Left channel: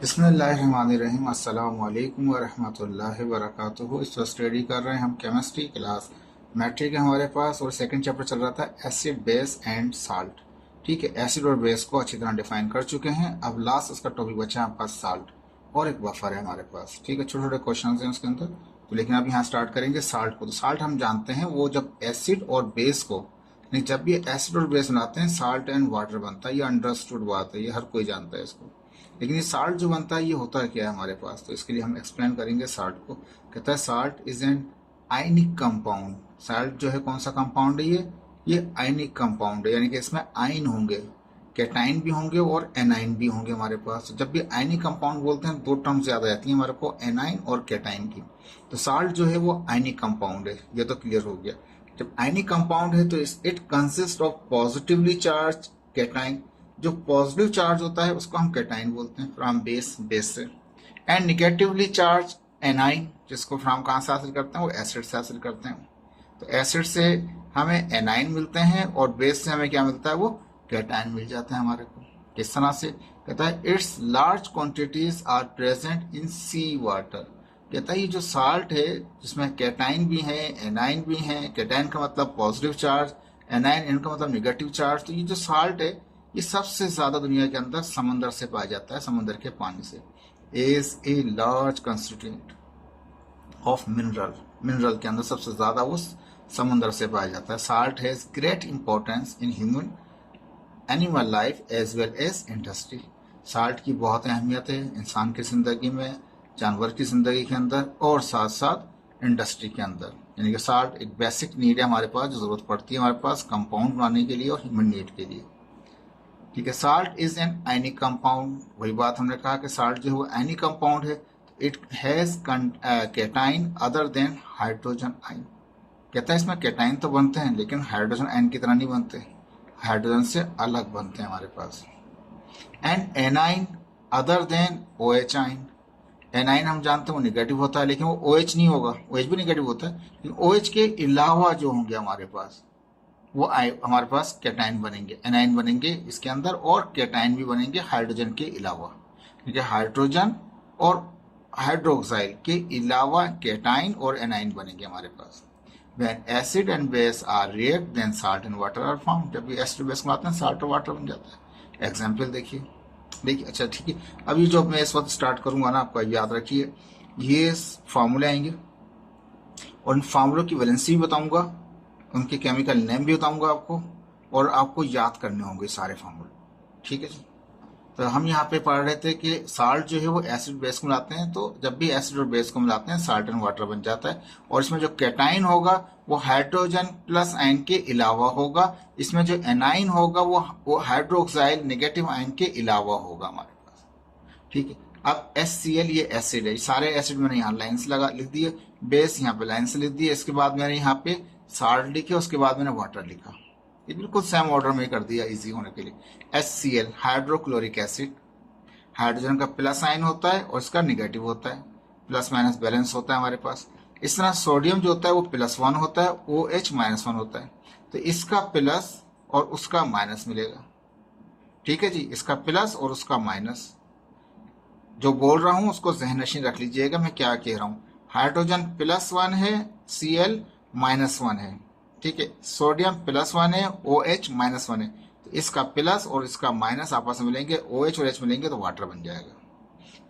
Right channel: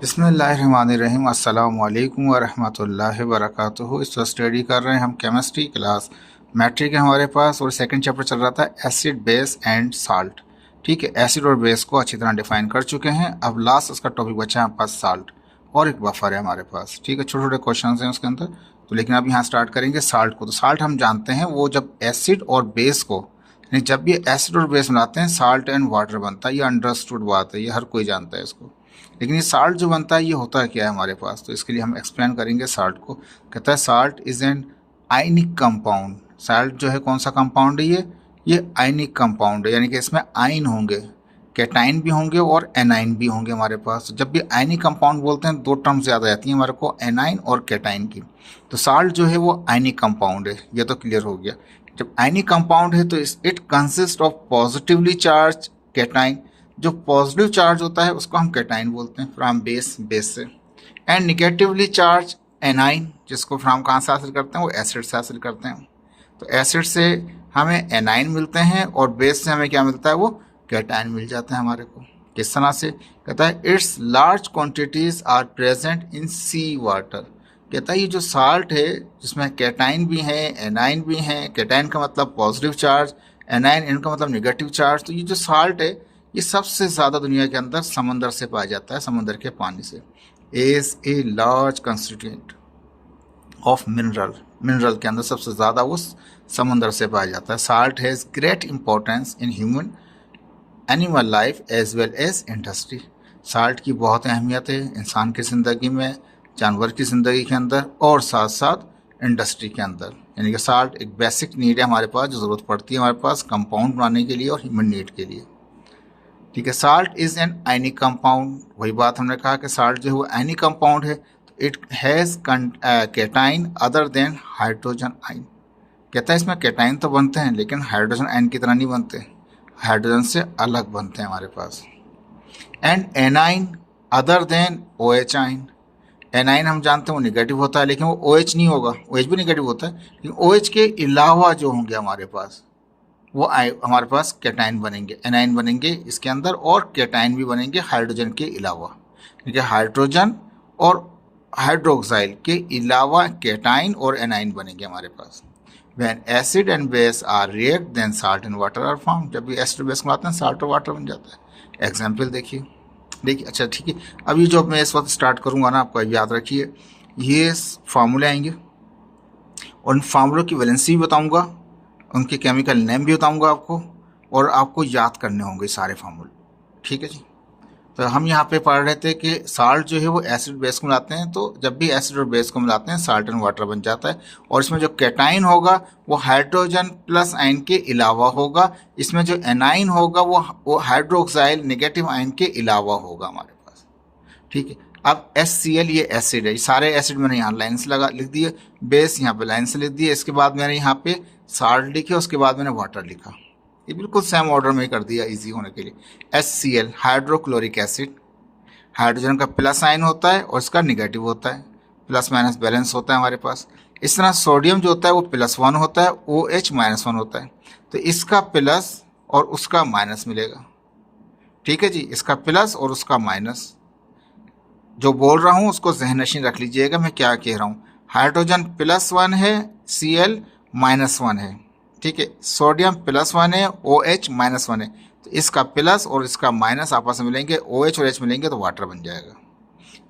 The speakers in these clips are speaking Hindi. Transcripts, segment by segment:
बिस्मिल्लाहिर्रहमानिर्रहीम। अस्सलामु अलैकुम वरहमतुल्लाहि वबरकातुहू। इस वक्त स्टडी कर रहे हैं हम केमिस्ट्री क्लास मैट्रिक है हमारे पास, और सेकंड चैप्टर चल रहा था एसिड बेस एंड साल्ट। ठीक है, एसिड और बेस को अच्छी तरह डिफाइन कर चुके हैं। अब लास्ट उसका टॉपिक बचा है हमारे पास साल्ट, और एक बफर है हमारे पास। ठीक है, छोटे छोटे क्वेश्चन हैं उसके अंदर तो, लेकिन अब यहाँ स्टार्ट करेंगे साल्ट को। तो साल्ट हम जानते हैं वो जब एसिड और बेस को, यानी जब ये एसिड और बेस मिलाते हैं साल्ट एंड वाटर बनता है। ये अंडरस्टूड बात है, ये हर कोई जानता है इसको। लेकिन ये साल्ट जो बनता है ये होता है क्या है हमारे पास, तो इसके लिए हम एक्सप्लेन करेंगे साल्ट को। कहता है salt is an ionic compound. Salt जो है कौन सा कंपाउंड है ये आयनिक कंपाउंड है, यानी कि इसमें आयन होंगे, कैटाइन भी होंगे और एनाइन भी होंगे हमारे पास। जब भी आयनिक कंपाउंड बोलते हैं दो टर्म्स याद आ जाती हैं हमारे को, एनाइन और कैटाइन की। तो साल्ट जो है वो आयनिक कंपाउंड है, ये तो क्लियर हो गया। जब आयनिक कंपाउंड है तो it consist of positively charge cation. जो पॉजिटिव चार्ज होता है उसको हम कैटाइन बोलते हैं, फ्रॉम बेस से। एंड निगेटिवली चार्ज एनाइन, जिसको फ्रॉम कहाँ से हासिल करते हैं, वो एसिड से हासिल करते हैं। तो एसिड से हमें एनाइन मिलते हैं और बेस से हमें क्या मिलता है, वो कैटाइन मिल जाता है हमारे को। किस तरह से, कहता है it's large quantities are present in sea water. कहता है ये जो साल्ट है जिसमें कैटाइन भी है एनाइन भी है, कैटाइन का मतलब पॉजिटिव चार्ज, एनाइन इनका मतलब निगेटिव चार्ज। तो ये जो साल्ट है ये सबसे ज़्यादा दुनिया के अंदर समंदर से पाया जाता है, समंदर के पानी से। Is a large constituent of mineral के अंदर सबसे ज़्यादा वो समंदर से पाया जाता है। Salt has great importance in human animal life as well as industry. Salt की बहुत अहमियत है इंसान की ज़िंदगी में, जानवर की ज़िंदगी के अंदर, और साथ साथ इंडस्ट्री के अंदर। यानी कि साल्ट एक बेसिक नीड है हमारे पास, जो ज़रूरत पड़ती है हमारे पास कंपाउंड बनाने के लिए और ह्यूमन नीड के लिए। ठीक है, salt is an ionic compound. वही बात हमने कहा कि साल्ट जो है वो आयनिक कंपाउंड है। It has cation other than hydrogen ion. कहता है इसमें कैटाइन तो बनते हैं लेकिन हाइड्रोजन आयन की तरह नहीं बनते, हाइड्रोजन से अलग बनते हैं हमारे पास। And anion other than O H ion. Anion हम जानते हैं वो निगेटिव होता है, लेकिन वो ओ एच नहीं होगा। ओ एच भी निगेटिव होता है, लेकिन ओ एच के अलावा जो होंगे हमारे पास वो हमारे पास कैटाइन बनेंगे, एनाइन बनेंगे इसके अंदर, और कैटाइन भी बनेंगे हाइड्रोजन के अलावा। ठीक है, हाइड्रोजन और हाइड्रोक्साइड के अलावा कैटाइन और एनाइन बनेंगे हमारे पास। When acid and base are react then salt and water are form. जब भी एसिड बेस मिलाते हैं साल्ट और वाटर बन जाता है। एग्जाम्पल देखिए अच्छा ठीक है। अब ये जो मैं इस वक्त स्टार्ट करूंगा ना, आपको याद रखिए ये फार्मूले आएंगे, और उन फार्मूलों की वैलेंसी भी बताऊंगा, उनके केमिकल नेम भी बताऊंगा आपको, और आपको याद करने होंगे सारे फार्मूले। ठीक है जी। तो हम यहाँ पे पढ़ रहे थे कि साल्ट जो है वो एसिड बेस को मिलाते हैं, तो जब भी एसिड और बेस को मिलाते हैं साल्ट एंड वाटर बन जाता है। और इसमें जो कैटाइन होगा वो हाइड्रोजन प्लस आयन के अलावा होगा। इसमें जो एनाइन होगा वो हाइड्रोक्साइल नेगेटिव आयन के अलावा होगा हमारे पास। ठीक है, अब HCl ये एसिड है, सारे एसिड मैंने यहाँ लाइन से लिख दिए, बेस यहाँ पे लाइन से लिख दिए, इसके बाद मैंने यहाँ पे साल्ट लिखे, उसके बाद मैंने वाटर लिखा। ये बिल्कुल सेम ऑर्डर में कर दिया इजी होने के लिए। HCl हाइड्रोक्लोरिक एसिड, हाइड्रोजन का प्लस आयन होता है और इसका निगेटिव होता है, प्लस माइनस बैलेंस होता है हमारे पास। इस तरह सोडियम जो होता है वो +1 होता है, OH -1 होता है, तो इसका प्लस और उसका माइनस मिलेगा। ठीक है जी, इसका प्लस और उसका माइनस। जो बोल रहा हूँ उसको ज़हननशीन रख लीजिएगा मैं क्या कह रहा हूँ। हाइड्रोजन +1 है, Cl -1 है। ठीक है, सोडियम +1 है, OH -1 है, तो इसका प्लस और इसका माइनस आपस में मिलेंगे, OH और H मिलेंगे तो वाटर बन जाएगा।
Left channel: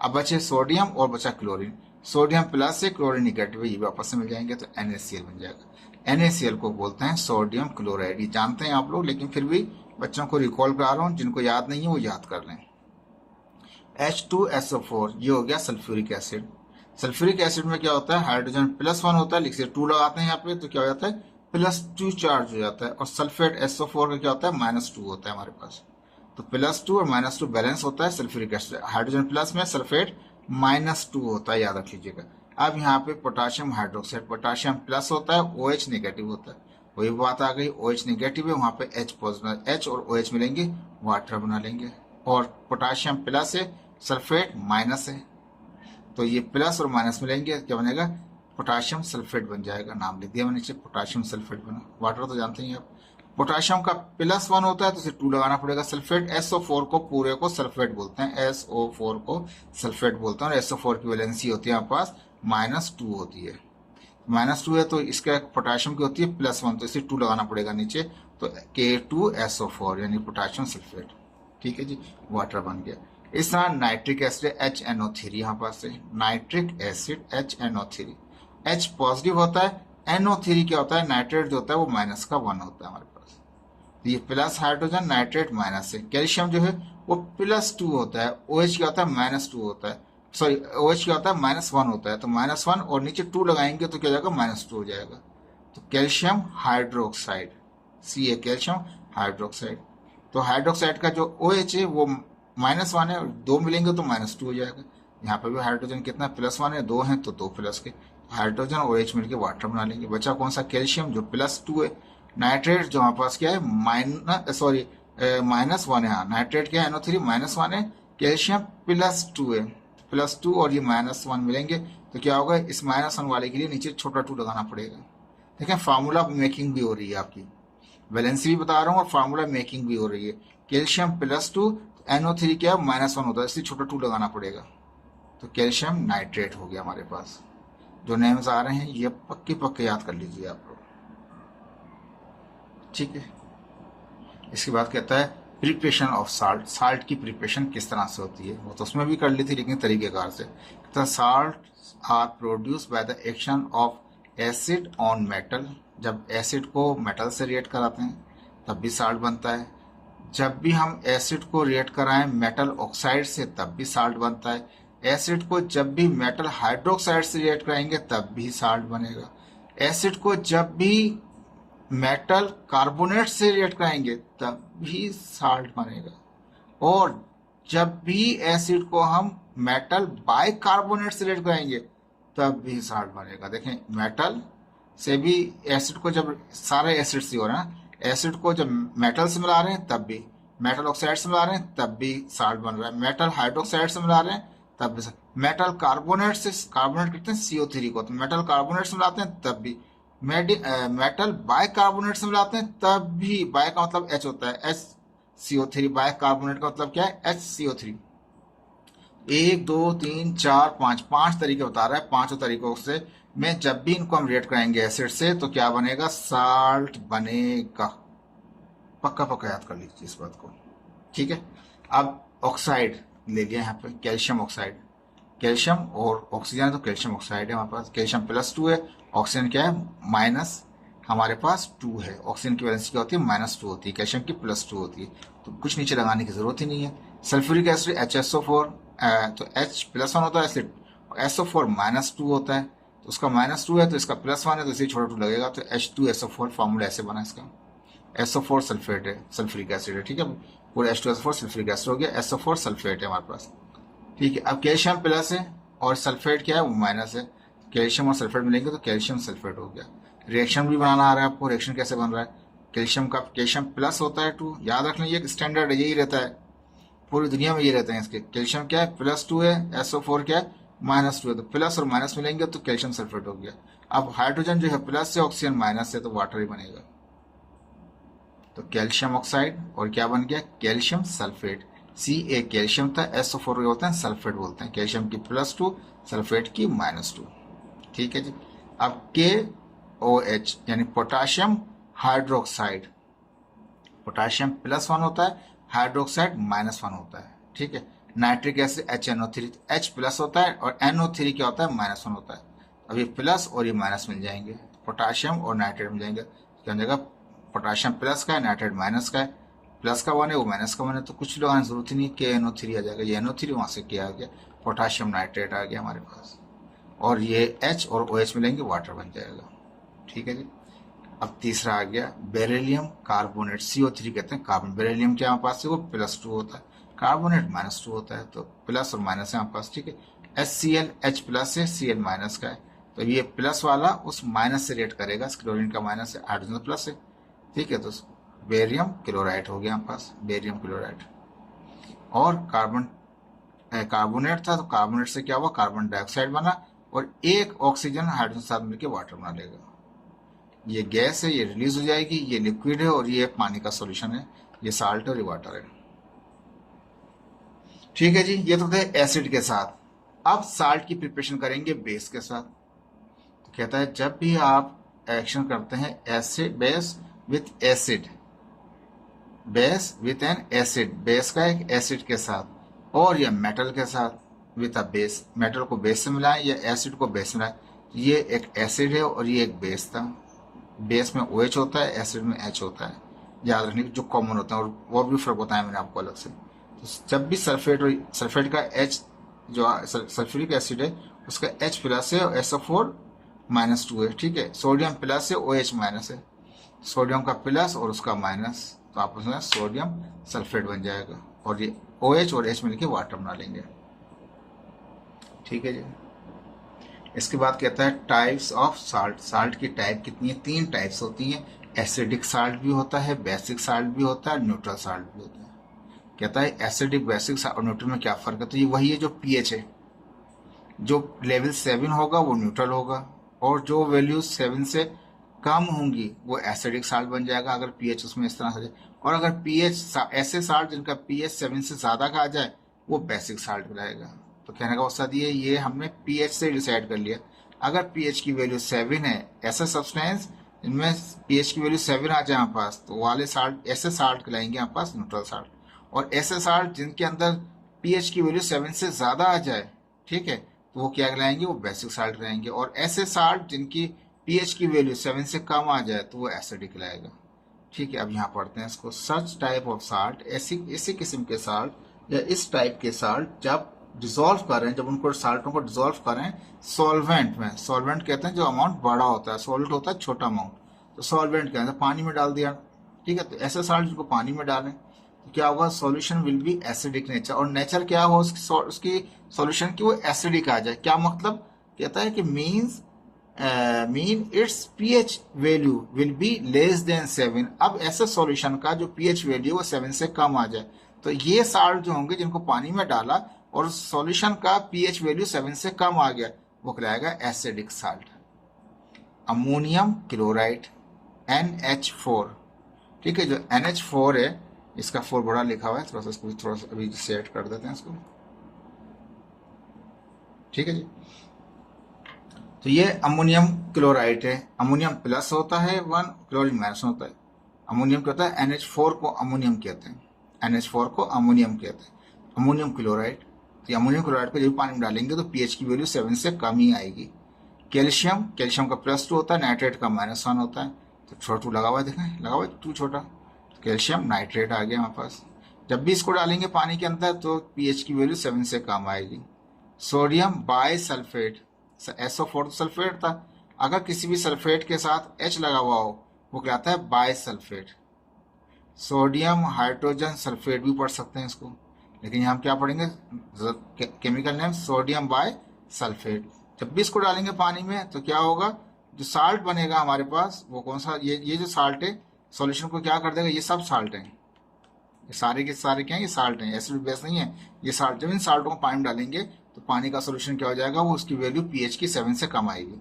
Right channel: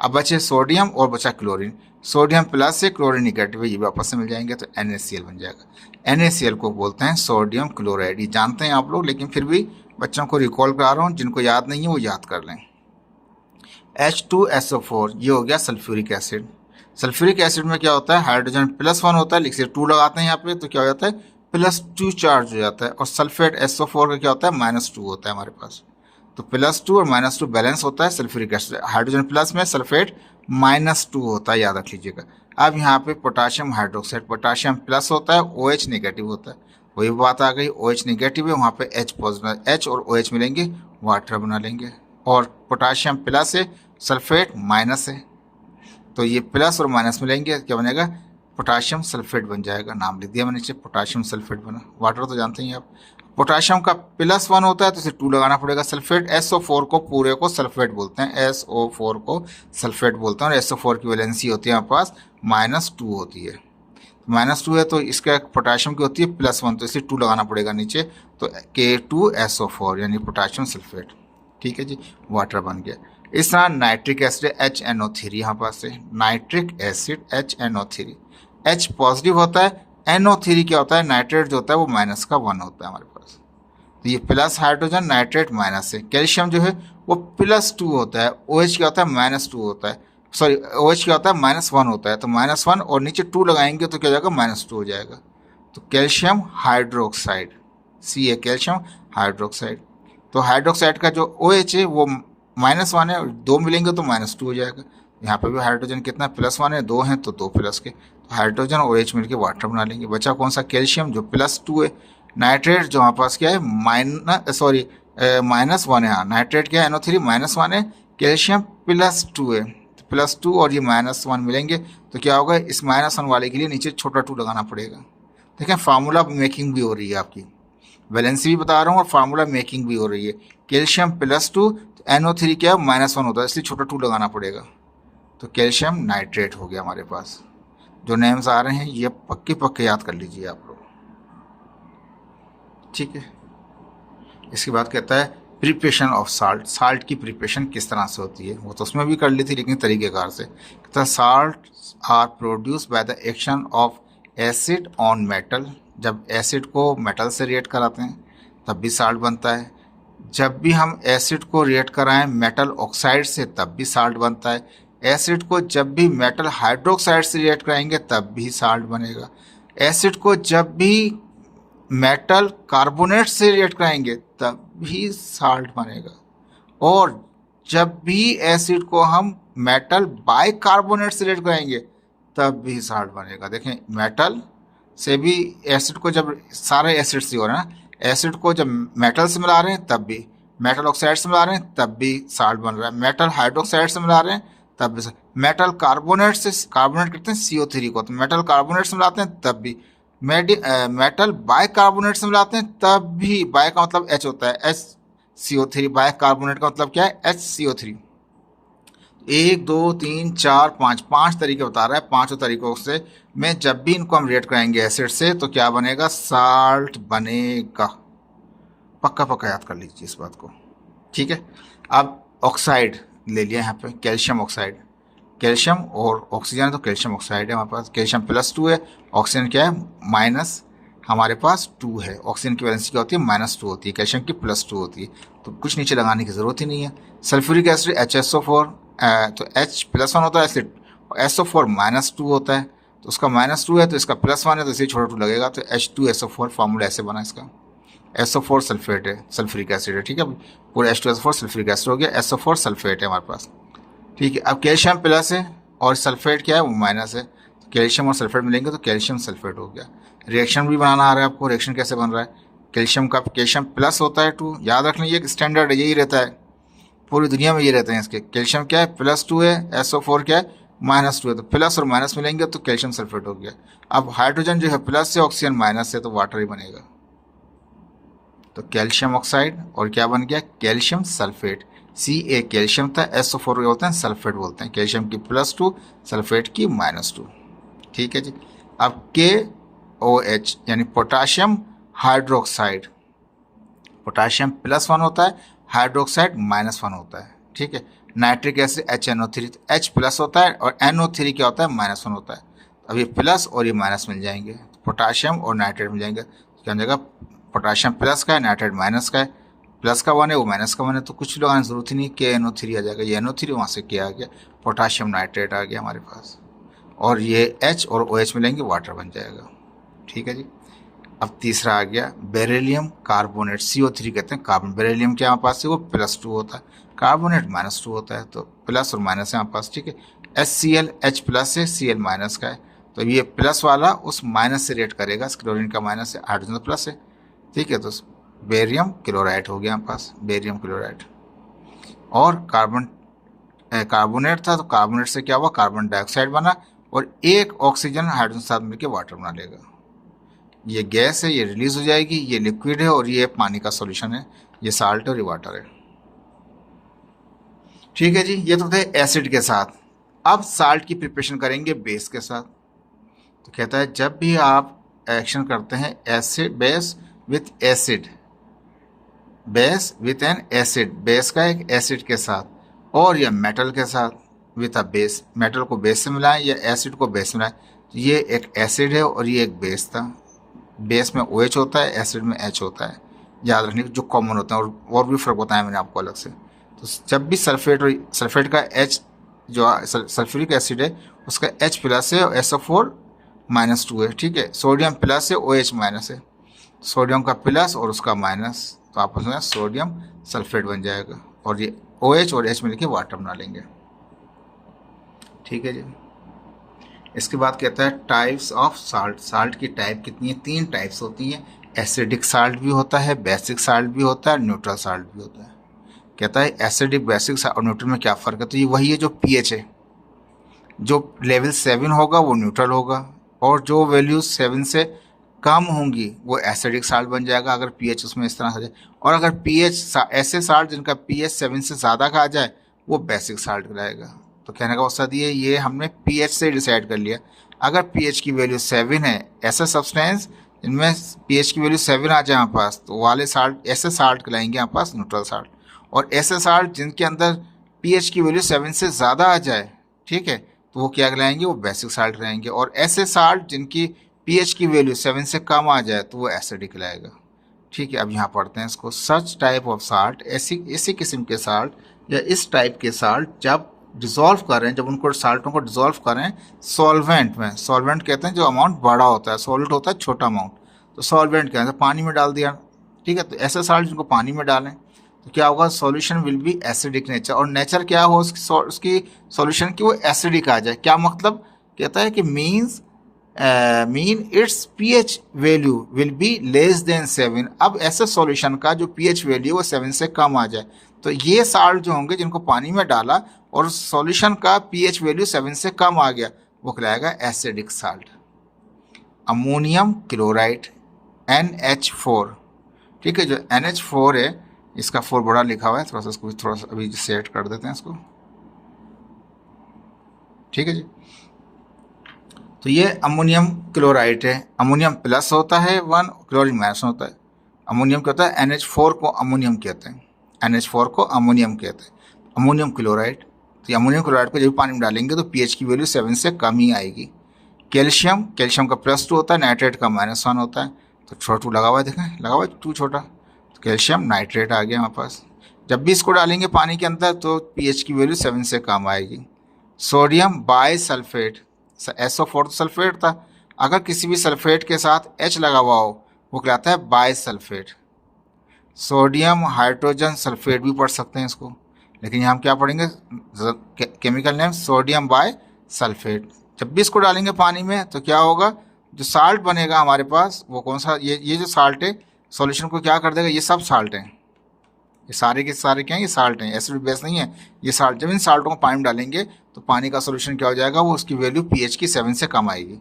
अब बचे सोडियम और बचा क्लोरीन। सोडियम प्लस है, क्लोरीन निगेटिव है, ये भी आपस में मिल जाएंगे तो NaCl बन जाएगा। NaCl को बोलते हैं सोडियम क्लोराइड। ये जानते हैं आप लोग, लेकिन फिर भी बच्चों को रिकॉल करा रहा हूँ, जिनको याद नहीं है वो याद कर लें। H2SO4 ये हो गया सल्फ्यूरिक एसिड। सल्फ्यूरिक एसिड में क्या होता है, हाइड्रोजन +1 होता है, लिखिए 2 लगाते हैं यहाँ पे तो क्या हो जाता है, +2 चार्ज हो जाता है। और सल्फेट SO4 का क्या होता है, -2 होता है हमारे पास। तो +2 और -2 बैलेंस होता है सल्फ्यूरिक एसिड। हाइड्रोजन प्लस में सल्फेट -2 होता है, याद रख लीजिएगा। अब यहाँ पे पोटाशियम हाइड्रोक्साइड, पोटाशियम प्लस होता है, OH नेगेटिव होता है। वही बात आ गई, OH नेगेटिव है, वहाँ पे H पॉजिटिव, H और OH मिलेंगे वाटर बना लेंगे। और पोटाशियम प्लस है, सल्फेट माइनस है, तो ये प्लस और माइनस मिलेंगे, क्या बनेगा, पोटाशियम सल्फेट बन जाएगा। नाम लिख दिया मैंने नीचे, पोटाशियम सल्फेट बना। वाटर तो जानते हैं आप, पोटाशियम का +1 होता है तो इसे 2 लगाना पड़ेगा। सल्फेट SO4 को पूरे को सल्फेट बोलते हैं, SO4 को सल्फेट बोलते हैं, और SO4 की वैलेंसी होती है हमारे पास -2 होती है। -2 है तो इसका पोटाशियम की होती है +1, तो इसे 2 लगाना पड़ेगा नीचे, तो K2SO4 यानी पोटाशियम सल्फेट। ठीक है जी, वाटर बन गया। इस तरह नाइट्रिक एसिड HNO3 यहाँ पास है, nitric acid HNO3, H positive होता है, NO3 क्या होता है, नाइट्रेट जो होता है वो -1 होता है हमारे पास, तो ये प्लस हाइड्रोजन, नाइट्रेट माइनस है। कैल्शियम जो है वो +2 होता है, OH क्या होता है -2 होता है, सॉरी OH क्या होता है -1 होता है, तो -1 और नीचे 2 लगाएंगे तो क्या हो जाएगा, -2 हो जाएगा। तो calcium hydroxide, Ca calcium hydroxide. तो हाइड्रोक्साइड का जो OH है वो -1 है, 2 मिलेंगे तो -2 हो जाएगा। यहाँ पे भी हाइड्रोजन कितना +1 है, 2 हैं तो 2 प्लस के, तो हाइड्रोजन और OH मिलकर वाटर बना लेंगे। बचा कौन सा, कैल्शियम जो +2 है। नाइट्रेट जो हमारे पास क्या है -1 है, हाँ नाइट्रेट क्या है NO3 -1 है, कैल्शियम +2 है, +2 और ये -1 मिलेंगे तो क्या होगा, इस -1 वाले के लिए नीचे छोटा 2 लगाना पड़ेगा। देखें फार्मूला मेकिंग भी हो रही है आपकी, वैलेंसी भी बता रहा हूँ और फार्मूला मेकिंग भी हो रही है। कैल्शियम +2 तो NO3 क्या है -1 होता है, इसलिए छोटा 2 लगाना पड़ेगा, तो कैल्शियम नाइट्रेट हो गया हमारे पास। जो नेम्स आ रहे हैं ये पक्के पक्के याद कर लीजिए आप लोग, ठीक है। इसके बाद कहता है प्रिपरेशन ऑफ साल्ट, साल्ट की प्रिपरेशन किस तरह से होती है, वो तो उसमें भी कर ली थी लेकिन तरीक़ेकार से। कहता है salt are produce by the action of acid on metal, जब एसिड को मेटल से रिएक्ट कराते हैं तब भी साल्ट बनता है, जब भी हम एसिड को रिएक्ट कराएं मेटल ऑक्साइड से तब भी साल्ट बनता है, एसिड को जब भी मेटल हाइड्रोक्साइड से रिएक्ट कराएंगे तब भी साल्ट बनेगा, एसिड को जब भी मेटल कार्बोनेट से रिएक्ट कराएंगे तब भी साल्ट बनेगा, और जब भी एसिड को हम मेटल बाइकार्बोनेट से रिएक्ट कराएंगे तब भी साल्ट बनेगा। देखें मेटल से भी एसिड को, जब सारे एसिड से हो रहा है ना, एसिड को जब मेटल से मिला रहे हैं तब भी, मेटल ऑक्साइड से मिला रहे हैं तब भी साल्ट बन रहा है, मेटल हाइड्रोक्साइड से मिला रहे हैं तब भी, मेटल कार्बोनेट से, कार्बोनेट करते हैं CO3 को, तो मेटल कार्बोनेट से मिलाते हैं तब भी, मेटल बाइकार्बोनेट से मिलाते हैं तब भी, बाय का मतलब H होता है, HCO3, बाइकार्बोनेट का मतलब क्या है, HCO3। 1 2 3 4 5 5 तरीके बता रहा है, पांचों तरीकों से में जब भी इनको हम रिएक्ट कराएंगे एसिड से तो क्या बनेगा, साल्ट बनेगा। पक्का पक्का याद कर लीजिए इस बात को, ठीक है। अब ऑक्साइड ले लिया यहाँ पे, कैल्शियम ऑक्साइड, कैल्शियम और ऑक्सीजन, तो कैल्शियम ऑक्साइड है हमारे पास, कैल्शियम +2 है, ऑक्सीजन क्या है माइनस हमारे पास 2 है, ऑक्सीजन की वैलेंसी क्या होती है -2 होती है, कैल्शियम की +2 होती है, तो कुछ नीचे लगाने की जरूरत ही नहीं है। सल्फ्यूरिक एसिड HSO4, तो H +1 होता है एसिड, SO4 -2 होता है, तो उसका -2 है तो इसका +1 है तो इसे छोटा 2 लगेगा, तो H2SO4 फार्मूला ऐसे बना इसका, SO4 सल्फेट है, सल्फ्यूरिक एसिड है, ठीक है, पूरा H2SO4 सल्फ्यूरिक एसिड हो गया, SO4 सल्फेट है हमारे पास, ठीक है। अब कैल्शियम प्लस है और सल्फेट क्या है वो माइनस है, तो कैल्शियम और सल्फेट मिलेंगे तो कैल्शियम सल्फेट हो गया। रिएक्शन भी बनाना आ रहा है आपको, रिएक्शन कैसे बन रहा है, कैल्शियम का कैल्शियम प्लस होता है 2, याद रखना ये स्टैंडर्ड है, यही रहता है पूरी दुनिया में, ये रहते हैं इसके। कैल्शियम क्या है +2 है, SO4 क्या है -2 है, तो प्लस और माइनस मिलेंगे तो कैल्शियम सल्फेट हो गया। अब हाइड्रोजन जो है प्लस है, ऑक्सीजन माइनस है, तो वाटर ही बनेगा, तो कैल्शियम ऑक्साइड और क्या बन गया, कैल्शियम सल्फेट। Ca कैल्शियम था, SO4 क्या बोलते हैं, सल्फेट बोलते हैं, कैल्शियम की +2 सल्फेट की -2, ठीक है जी। अब KOH यानी पोटाशियम हाइड्रोक्साइड, पोटाशियम +1 होता है, हाइड्रोक्साइड -1 होता है, ठीक है। नाइट्रिक एसिड HNO3, तो H प्लस होता है और NO3 क्या होता है -1 होता है, अब ये प्लस और ये माइनस मिल जाएंगे, पोटाशियम और नाइट्रेट मिल जाएंगे, क्या हो जाएगा, पोटाशियम प्लस का है, नाइट्रेट माइनस का है, प्लस का 1 है वो माइनस का 1 है, तो कुछ लगाने की जरूरत ही नहीं, KNO3 आ जाएगा, ये NO3 वहाँ से क्या आ गया, पोटाशियम नाइट्रेट आ गया हमारे पास, और ये H और OH मिलेंगे, वाटर बन जाएगा, ठीक है जी। अब तीसरा आ गया बेरिलियम कार्बोनेट, CO3 कहते हैं कार्बन, बेरिलियम क्या हमारे पास है वो +2 होता है, कार्बोनेट -2 होता है, तो प्लस और माइनस है हमारे पास, ठीक है। HCl H प्लस है, Cl माइनस का है, तो ये प्लस वाला उस माइनस से रिएक्ट करेगा, क्लोरीन का माइनस है, हाइड्रोजन प्लस है, ठीक है, तो बेरियम क्लोराइड हो गया हमारे पास, बेरियम क्लोराइड। और कार्बोनेट था तो कार्बोनेट से क्या हुआ, कार्बन डाइऑक्साइड बना, और एक ऑक्सीजन हाइड्रोजन साथ मिलकर वाटर बना लेगा। ये गैस है, ये रिलीज हो जाएगी, ये लिक्विड है और ये पानी का सॉल्यूशन है, ये साल्ट और ये वाटर है। ठीक है जी, ये तो थे एसिड के साथ। अब साल्ट की प्रिपरेशन करेंगे बेस के साथ। तो कहता है जब भी आप एक्शन करते हैं acid base with acid, base with an acid, base का एक एसिड के साथ, और या मेटल के साथ विथ अ बेस, मेटल को बेस से मिलाएं या एसिड को बेस से मिलाएं। तो ये एक एसिड है और ये एक बेस था। बेस में OH होता है, एसिड में H होता है, याद रखने जो कॉमन होता है, और भी फर्क बताया मैंने आपको अलग से। तो जब भी सल्फेट का H जो सल्फ्यूरिक एसिड है उसका H प्लस है और SO4-2 है। ठीक है, सोडियम प्लस है, OH माइनस है, सोडियम का प्लस और उसका माइनस, तो आपस में सोडियम सल्फेट बन जाएगा, और ये OH और H मिलकर वाटर बना लेंगे। ठीक है जी। इसके बाद कहता है टाइप्स ऑफ साल्ट। साल्ट की टाइप कितनी है? 3 टाइप्स होती हैं। एसिडिक साल्ट भी होता है, बेसिक साल्ट भी होता है, न्यूट्रल साल्ट भी होता है। कहता है एसिडिक, बेसिक और न्यूट्रल में क्या फ़र्क है? तो ये वही है जो pH है, जो लेवल 7 होगा वो न्यूट्रल होगा, और जो वैल्यू 7 से कम होंगी वो एसिडिक साल्ट बन जाएगा, अगर pH उसमें इस तरह से। और अगर pH ऐसे साल्ट जिनका pH 7 से ज़्यादा का आ जाए वो बेसिक साल्ट कहलाएगा। तो कहने का मकसद ये हमने pH से डिसाइड कर लिया। अगर pH की वैल्यू 7 है, ऐसा सब्सटेंस जिनमें pH की वैल्यू 7 आ जाए हमारे पास, तो वाले साल्ट ऐसे साल्ट कहलाएंगे हमारे पास न्यूट्रल साल्ट। और ऐसे साल्ट जिनके अंदर pH की वैल्यू 7 से ज़्यादा आ जाए, ठीक है, तो वो क्या कहलाएंगे? वो बेसिक साल्ट कहलाएंगे। और ऐसे साल्ट जिनकी pH की वैल्यू 7 से कम आ जाए तो वो एसिडिक कहलाएगा। ठीक है, अब यहाँ पढ़ते हैं इसको। सच टाइप ऑफ साल्ट, ऐसी किस्म के साल्ट या इस टाइप के साल्ट जब डिज़ोल्व करें, जब उनको साल्टों को डिज़ोल्व करें सॉल्वेंट में, सॉल्वेंट कहते हैं जो अमाउंट बड़ा होता है, सॉल्ट होता है छोटा अमाउंट, तो सॉल्वेंट कहते हैं पानी में डाल दिया। ठीक है, तो ऐसे साल्ट जिनको पानी में डालें तो क्या होगा? Solution will B acidic nature. और नेचर क्या हो उसकी सॉल्यूशन की? वो एसिडिक आ जाए। क्या मतलब? कहता है कि mean it's pH value will be less than 7। अब ऐसे सॉल्यूशन का जो pH वैल्यू वो 7 से कम आ जाए, तो ये साल्ट जो होंगे जिनको पानी में डाला और सॉल्यूशन का pH वैल्यू 7 से कम आ गया, वो कहलाएगा acidic salt. Ammonium chloride NH4। ठीक है, जो NH4 है इसका 4 बड़ा लिखा हुआ है, थोड़ा सा अभी सेट कर देते हैं इसको। ठीक है जी, तो ये अमोनियम क्लोराइड है। अमोनियम प्लस होता है 1, क्लोरीन माइनस होता है। अमोनियम क्या होता है? NH4 को अमोनियम कहते हैं, NH4 को अमोनियम कहते हैं, अमोनियम क्लोराइड। तो अमोनियम क्लोराइड को जब पानी में डालेंगे तो pH की वैल्यू 7 से कम ही आएगी। कैल्शियम का +2 होता है, नाइट्रेट का -1 होता है। तो छोटा 2 लगा हुआ है, देखें लगा हुआ है 2 छोटा, तो कैल्शियम नाइट्रेट आ गया हमारे पास। जब भी इसको डालेंगे पानी के अंदर तो pH की वैल्यू 7 से कम आएगी। सोडियम बाइसल्फेट, SO4 तो सल्फेट था, अगर किसी भी सल्फेट के साथ H लगा हुआ हो वो कहलाता है बाइसल्फेट। सोडियम हाइड्रोजन सल्फेट भी पढ़ सकते हैं इसको, लेकिन यहाँ हम क्या पढ़ेंगे? Chemical name sodium bisulphate. जब भी इसको डालेंगे पानी में तो क्या होगा? जो साल्ट बनेगा हमारे पास वो कौन सा? ये जो साल्ट है सॉल्यूशन को क्या कर देगा? ये सब साल्ट हैं, ये सारे के सारे क्या हैं? ये साल्ट हैं, एसिड बेस नहीं है ये साल्ट। जब इन साल्टों को पानी में डालेंगे तो पानी का सॉल्यूशन क्या हो जाएगा? वो उसकी वैल्यू pH की 7 से कम आएगी।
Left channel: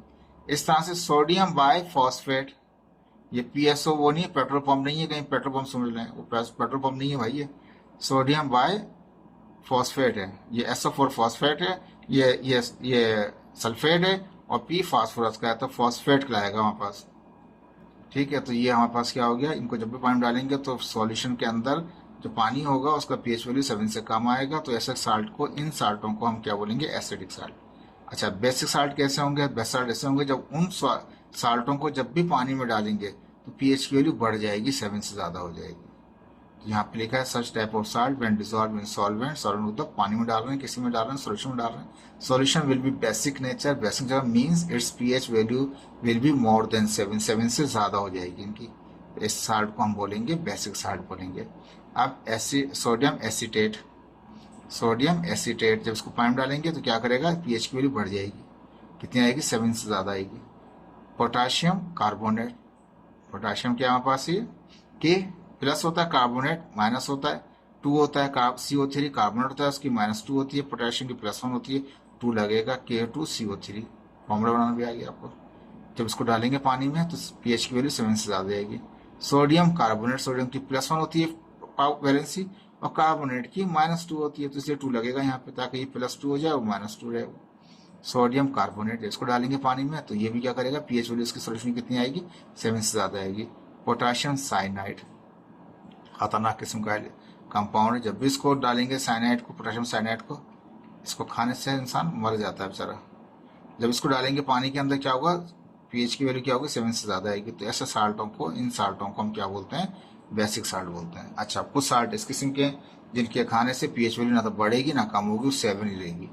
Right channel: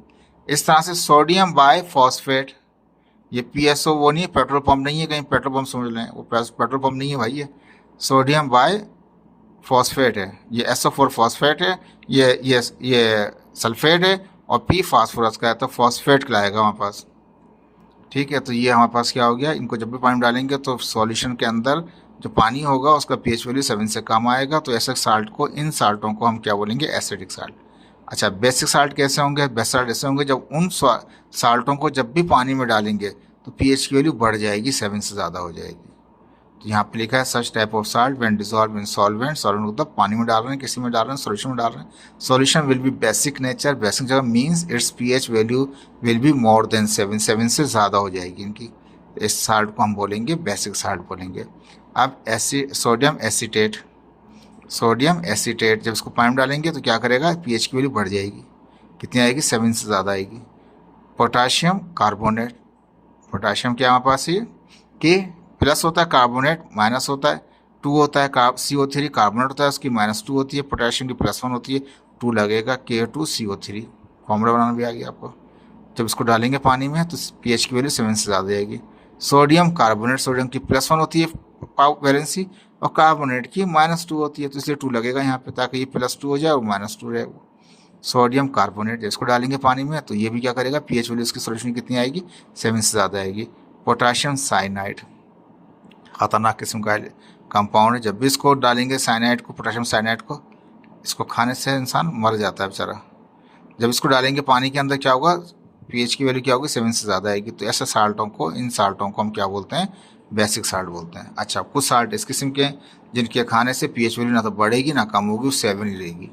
इस तरह से सोडियम बाइफॉस्फेट, ये PSO वो नहीं है, पेट्रोल पंप नहीं है, कहीं पेट्रोल पंप समझ लें, वो पेट्रोल पंप नहीं है भाई, ये सोडियम बाइफॉस्फेट है। ये SO4 फॉस्फेट है, ये सल्फेट है, और P फास्फोरस का है, तो फॉस्फेट कहलाएगा हमारे पास। ठीक है, तो ये हमारे पास क्या हो गया? इनको जब भी पानी में डालेंगे तो सॉल्यूशन के अंदर जो पानी होगा उसका pH वैल्यू 7 से कम आएगा, तो ऐसे साल्ट को, इन साल्टों को हम क्या बोलेंगे? Acidic salt. अच्छा, बेसिक साल्ट कैसे होंगे? बेसिक साल्ट ऐसे होंगे जब उन साल्टों को जब भी पानी में डालेंगे तो pH की वैल्यू बढ़ जाएगी, 7 से ज़्यादा हो जाएगी। तो यहाँ पे लिखा है such type of salt when dissolve in solvent. Solvent मतलब पानी में डाल रहे हैं, किसी में डाल रहे हैं, सॉल्यूशन में डाल रहे हैं। Solution will be basic nature, basic जगह means it's pH value will be more than 7, 7 से ज़्यादा हो जाएगी इनकी। इस साल्ट को हम बोलेंगे बेसिक साल्ट बोलेंगे। अब सोडियम एसीटेट जब इसको पानी में डालेंगे तो क्या करेगा? pH की वैल्यू बढ़ जाएगी, कितनी आएगी? 7 से ज़्यादा आएगी। पोटाशियम कार्बोनेट, पोटाशियम क्या हमारे पास ये के प्लस होता है, कार्बोनेट माइनस होता है, 2 होता है, CO3 कार्बोनेट होता है, उसकी -2 होती है, पोटाशियम की +1 होती है, 2 लगेगा, K2CO3 फॉर्मूला बनाना भी आ गया आपको। जब इसको डालेंगे पानी में तो pH की वैल्यू 7 से ज़्यादा आएगी। सोडियम कार्बोनेट, सोडियम की +1 होती है वैलेंसी और कार्बोनेट की -2 होती है, तो इसलिए 2 लगेगा यहाँ पे ताकि ये +2 हो जाए और -2 रहेगा। सोडियम कार्बोनेट जब इसको डालेंगे पानी में तो ये भी क्या करेगा, pH वैल्यू इसकी सोल्यूशन कितनी आएगी, 7 से ज़्यादा आएगी। पोटाशियम साइनाइड खतरनाक किस्म का कंपाउंड है, जब भी इसको डालेंगे साइनाइड को, पोटाशियम साइनाइड को, इसको खाने से इंसान मर जाता है बेचारा। जब इसको डालेंगे पानी के अंदर क्या होगा, pH की वैल्यू क्या होगी, 7 से ज़्यादा आएगी। तो ऐसे साल्टों को, इन साल्टों को हम क्या बोलते हैं, बेसिक साल्ट बोलते हैं। अच्छा, कुछ साल्ट इस किस्म के जिनके खाने से pH वैल्यू ना तो बढ़ेगी ना कम होगी, 7 ही रहेगी,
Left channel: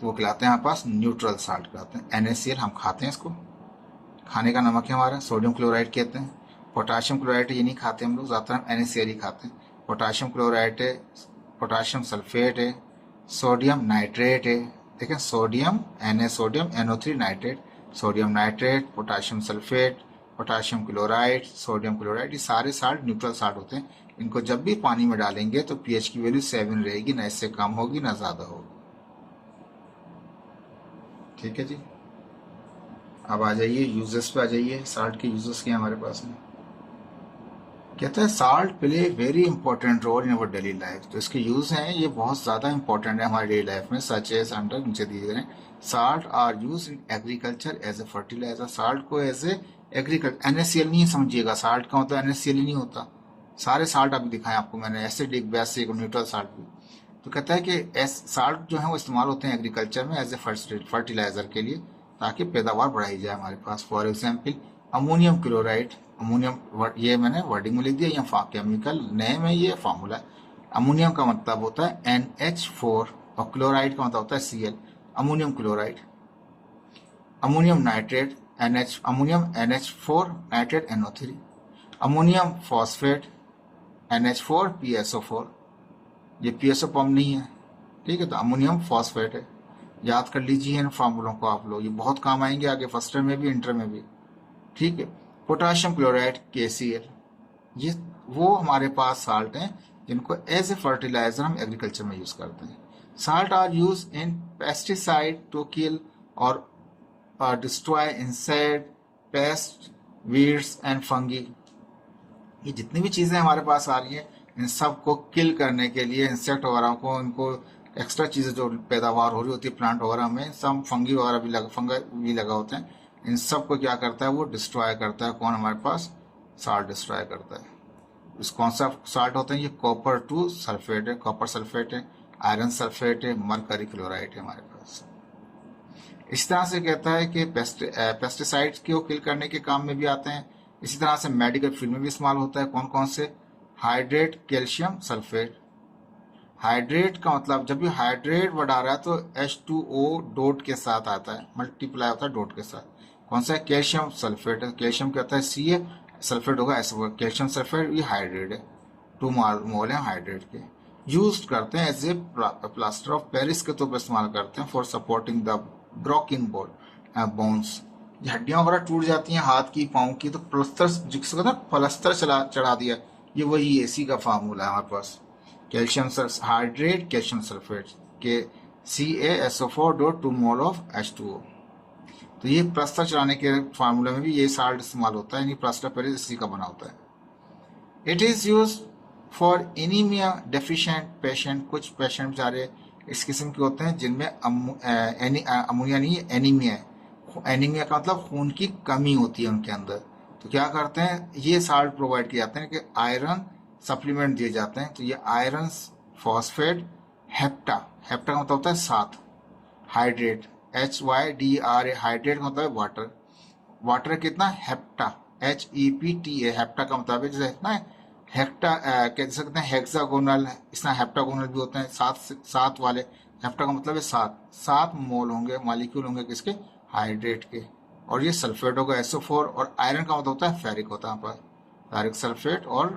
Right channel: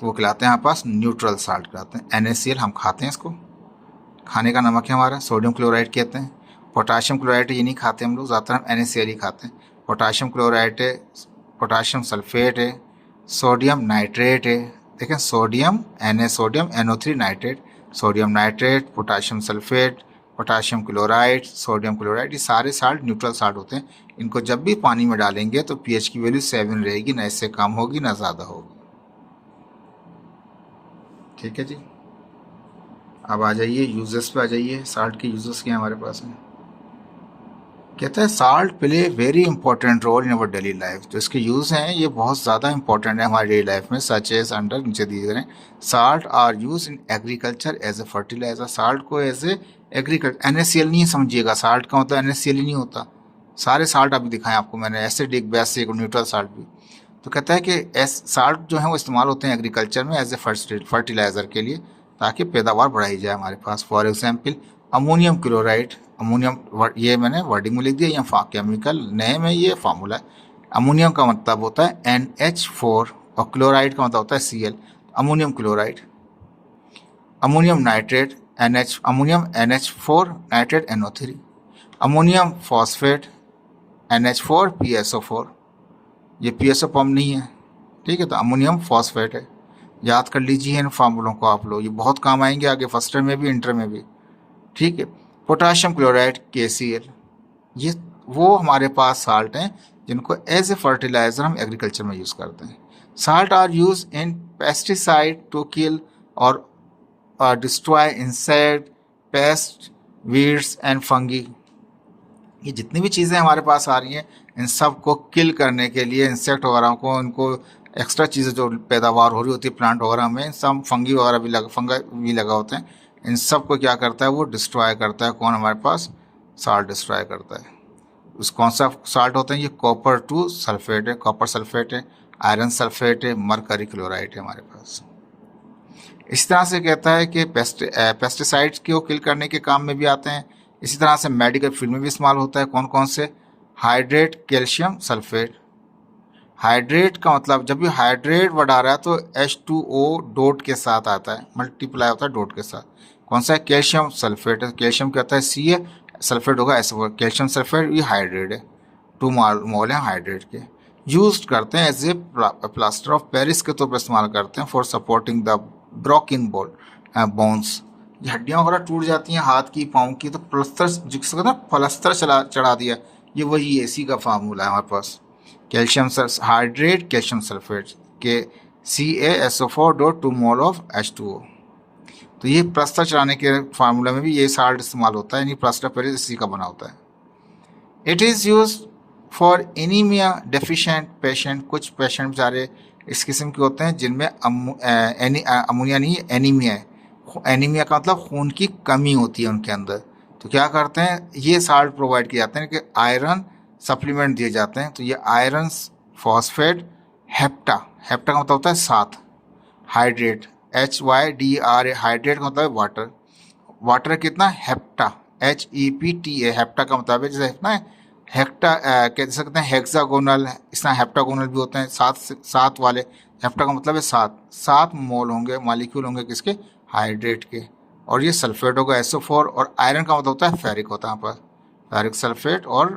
तो वो खिलाते हैं हमारे पास न्यूट्रल साल्ट कहलाते हैं। NaCl हम खाते हैं, इसको खाने का नमक है हमारा। सोडियम क्लोराइड कहते हैं। पोटाशियम क्लोराइड ये नहीं खाते हम लोग, ज़्यादातर हम NaCl ही खाते हैं। पोटाशियम क्लोराइड है, पोटाशियम सल्फेट है, सोडियम नाइट्रेट है। देखें, sodium sodium NO3 nitrate, sodium nitrate, potassium sulphate, potassium chloride, sodium chloride, ये सारे साल्ट न्यूट्रल साल्ट होते हैं। इनको जब भी पानी में डालेंगे तो pH की वैल्यू 7 रहेगी, ना इससे कम होगी ना ज़्यादा होगी। ठीक है जी, अब आ जाइए यूजेस पे, आ जाइए साल्ट के यूजेस क्या हैं हमारे पास में। कहता है salt play very important role in our daily life. जो इसके यूज़ हैं ये बहुत ज़्यादा इंपॉर्टेंट है हमारी डेली लाइफ में। सच एज अंडर नीचे दिए गए salt are use in agriculture as a fertiliser. Salt को एज ए एग्रीकल्चर, NaCl नहीं समझिएगा, साल्ट का मतलब NaCl ही नहीं होता। सारे साल्ट अभी दिखाएं आपको मैंने, एसिडिक, बेसिक और न्यूट्रल साल्ट भी। तो कहता है कि साल्ट जो है वो इस्तेमाल होते हैं एग्रीकल्चर में एज ए फर्टिलाइजर के लिए, ताकि पैदावार बढ़ाई जाए हमारे पास। For example ammonium chloride, ammonium, ये मैंने वर्डिंग में लिख दिया, या केमिकल नेम है, ये फार्मूला है। अमोनियम का मतलब होता है NH4 और क्लोराइड का मतलब होता है Cl, ammonium chloride. Ammonium nitrate ammonium NH4 nitrate NO3, ammonium phosphate NH4 PSO4, ये PSO फॉर्म नहीं है, ठीक है, तो अमोनियम फॉस्फेट है। याद कर लीजिए इन फार्मूलों को आप लोग, ये बहुत काम आएंगे आगे फर्स्ट ईयर में भी, इंटर में भी, ठीक है। पोटाशियम क्लोराइड KCl, ये वो हमारे पास साल्ट हैं जिनको एज ए फर्टिलाइजर हम एग्रीकल्चर में यूज़ करते हैं। Salt are use in pesticide to kill और destroy insect, pest, weeds and fungi. ये जितनी भी चीज़ें हमारे पास आ रही हैं इन सब को किल करने के लिए, इंसेक्ट वगैरह को, इनको एक्स्ट्रा चीज़ें जो पैदावार हो रही होती है प्लांट वगैरह में, सब फंगी वगैरह भी लगा होते हैं, इन सब को क्या करता है, वो डिस्ट्रॉय करता है। कौन हमारे पास, साल्ट डिस्ट्रॉय करता है। उस कौन सा साल्ट होते हैं ये, कॉपर 2 सल्फेट है, कॉपर सल्फेट है, आयरन सल्फेट है, मरकरी क्लोराइड है हमारे पास। इस तरह से कहता है कि पेस्टिसाइड्स को किल करने के काम में भी आते हैं। इसी तरह से मेडिकल फील्ड में भी इस्तेमाल होता है। कौन कौन से, हाइड्रेट कैल्शियम सल्फेट। हाइड्रेट का मतलब, जब भी हाइड्रेट वर्ड आ रहा है तो H2O डॉट के साथ आता है, मल्टीप्लाई होता है डॉट के साथ। कौन सा है, कैल्शियम सल्फेट है, कैल्शियम क्या होता है Ca, सल्फेट होगा ऐसे, कैल्शियम सल्फेट, ये हाइड्रेट है, 2 मोल है हाइड्रेट के। यूज करते हैं as a plaster of Paris के तौर पर इस्तेमाल करते हैं, for supporting the broken bones. ये हड्डियाँ वगैरह टूट जाती हैं हाथ की, पाँव की, तो प्लस्तर, जिसको कहते हैं प्लस्तर चढ़ा दिया, ये वही इसी का फार्मूला है हमारे पास। कैल्शियम हाइड्रेट कैल्शियम सल्फेट के CaSO4 dot 2 mole of H2O। तो ये प्लस्तर चढ़ाने के फार्मूला में भी ये साल्ट इस्तेमाल होता है, यानी प्लास्टर पेरिस इसी का बना होता है। It is use for anaemia deficient patient. कुछ पेशेंट बेचारे इस किस्म के होते हैं जिनमें अमोनिया नहीं, एनीमिया है। एनीमिया का मतलब खून की कमी होती है उनके अंदर, तो क्या करते हैं, ये साल्ट प्रोवाइड किए जाते हैं कि आयरन सप्लीमेंट दिए जाते हैं। तो ये आयरन फॉस्फेट, हेप्टा, हेप्टा का मतलब होता है 7, हाइड्रेट HYDRA, हाइड्रेट का मतलब है वाटर, वाटर कितना, हेप्टा HEPTA, हेप्टा का मतलब है जैसे ना हेक्टा, कह सकते हैं हेक्सागोनल, इस तरह हेप्टागोनल भी होते हैं, 7 वाले। हेप्टा का मतलब है 7 मोल होंगे, मालिक्यूल होंगे किसके, हाइड्रेट के। और ये सल्फेट होगा SO4, और आयरन का मतलब होता है फेरिक, होता है यहाँ पर फेरिक सल्फेट और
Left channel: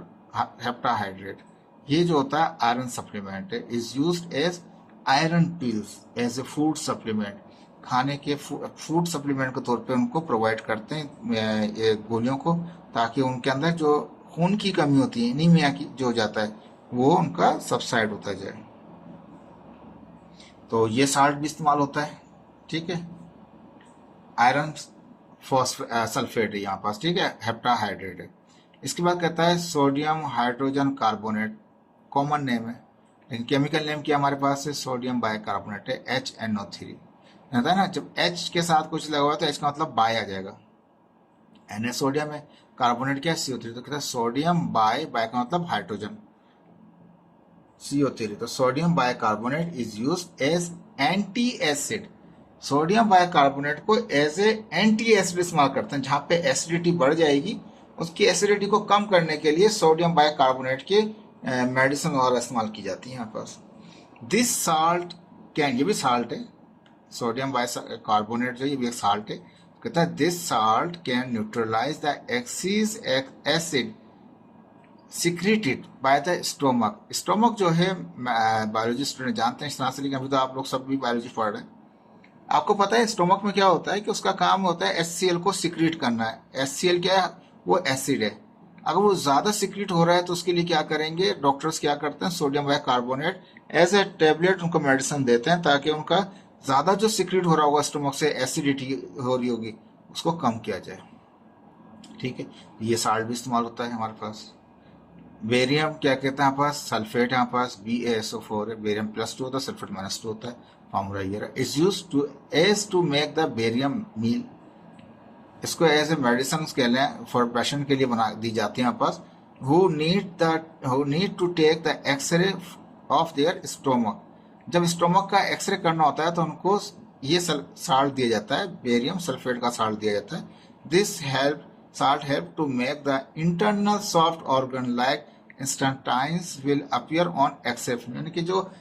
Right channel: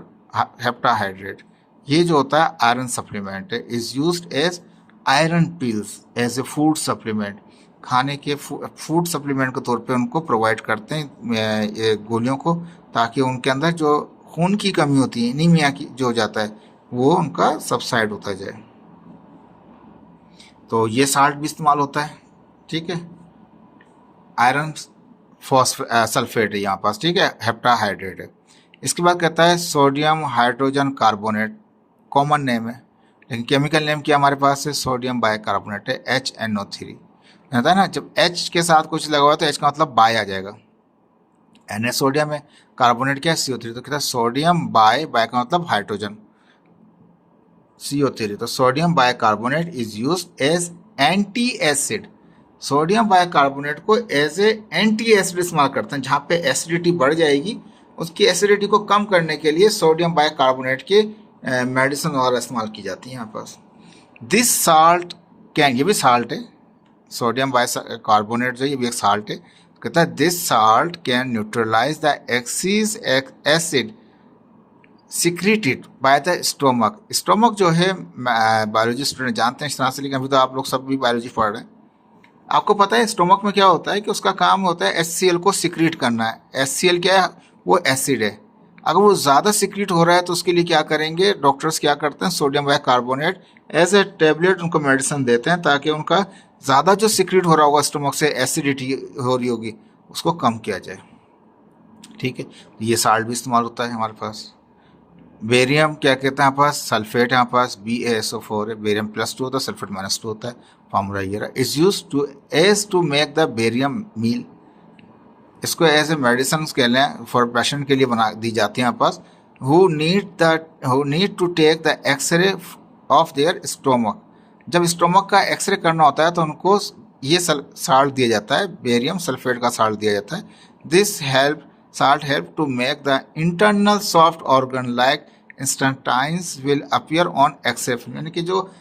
हेप्टा हाइड्रेट। ये जो होता है आयरन सप्लीमेंट है, is used as iron pills as a food supplement. खाने के फूड सप्लीमेंट के तौर पे उनको प्रोवाइड करते हैं गोलियों को, ताकि उनके अंदर जो खून की कमी होती है, एनीमिया की जो हो जाता है, वो उनका सबसाइड होता जाए। तो ये साल्ट भी इस्तेमाल होता है, ठीक है। आयरन सल्फेट है यहाँ पास, ठीक है, हेप्टाहाइड्रेट है। इसके बाद कहता है sodium hydrogen carbonate, common name है, लेकिन केमिकल नेम क्या हमारे पास है, सोडियम बाइकार्बोनेट है, HNO3। होता है ना, जब H के साथ कुछ लगा हुआ तो H का मतलब बाय आ जाएगा, Na सोडियम है, कार्बोनेट क्या है, CO3, तो कहता है सोडियम बाय का मतलब हाइड्रोजन, CO3, तो sodium bicarbonate is use as anti acid. Sodium bicarbonate को एज ए एंटी एसिड इस्तेमाल करते हैं, जहाँ पे एसिडिटी बढ़ जाएगी उसकी एसिडिटी को कम करने के लिए सोडियम बाइकार्बोनेट के मेडिसिन और इस्तेमाल की जाती है यहाँ पास। दिस साल्ट कैन, ये भी साल्ट है, सोडियम बाइकार्बोनेट जो ये भी एक साल्ट है, कहता है this salt can neutralise the excess acid secreted by the stomach. Stomach जो है बायोलॉजी स्टूडेंट जानते हैं इस तरह से, लेकिन अभी तो आप लोग सब भी बायोलॉजी पढ़ रहे हैं। आपको पता है स्टोमक में क्या होता है कि उसका काम होता है HCl को सिक्रीट करना है। HCl क्या है, वो एसिड है। अगर वो ज़्यादा सिक्रीट हो रहा है तो उसके लिए क्या करेंगे, डॉक्टर्स क्या करते हैं, sodium bicarbonate as a tablet उनको मेडिसिन देते हैं, ताकि उनका ज़्यादा जो सिक्रीट हो रहा होगा स्टोमक से, एसिडिटी हो रही होगी, उसको कम किया जाए, ठीक है। ये साल्ट भी इस्तेमाल होता है हमारे पास। बेरियम क्या कहते हैं यहाँ पास, सल्फेट यहाँ पास BaSO4 है, बेरियम +2 होता है, सल्फेट -2 होता है, फार्मूला ये रहा। Is use to make the barium meal, इसको एज ए मेडिसिन के लिए फॉर पेशेंट के लिए बना दी जाती है यहाँ पास। Who need to take the X-ray of their stomach, जब स्टोमक का एक्सरे करना होता है तो उनको ये साल्ट दिया जाता है, बेरियम सल्फेट का साल्ट दिया जाता है। This salt help to make the internal soft organ like intestines will appear on X-ray film, यानी कि जो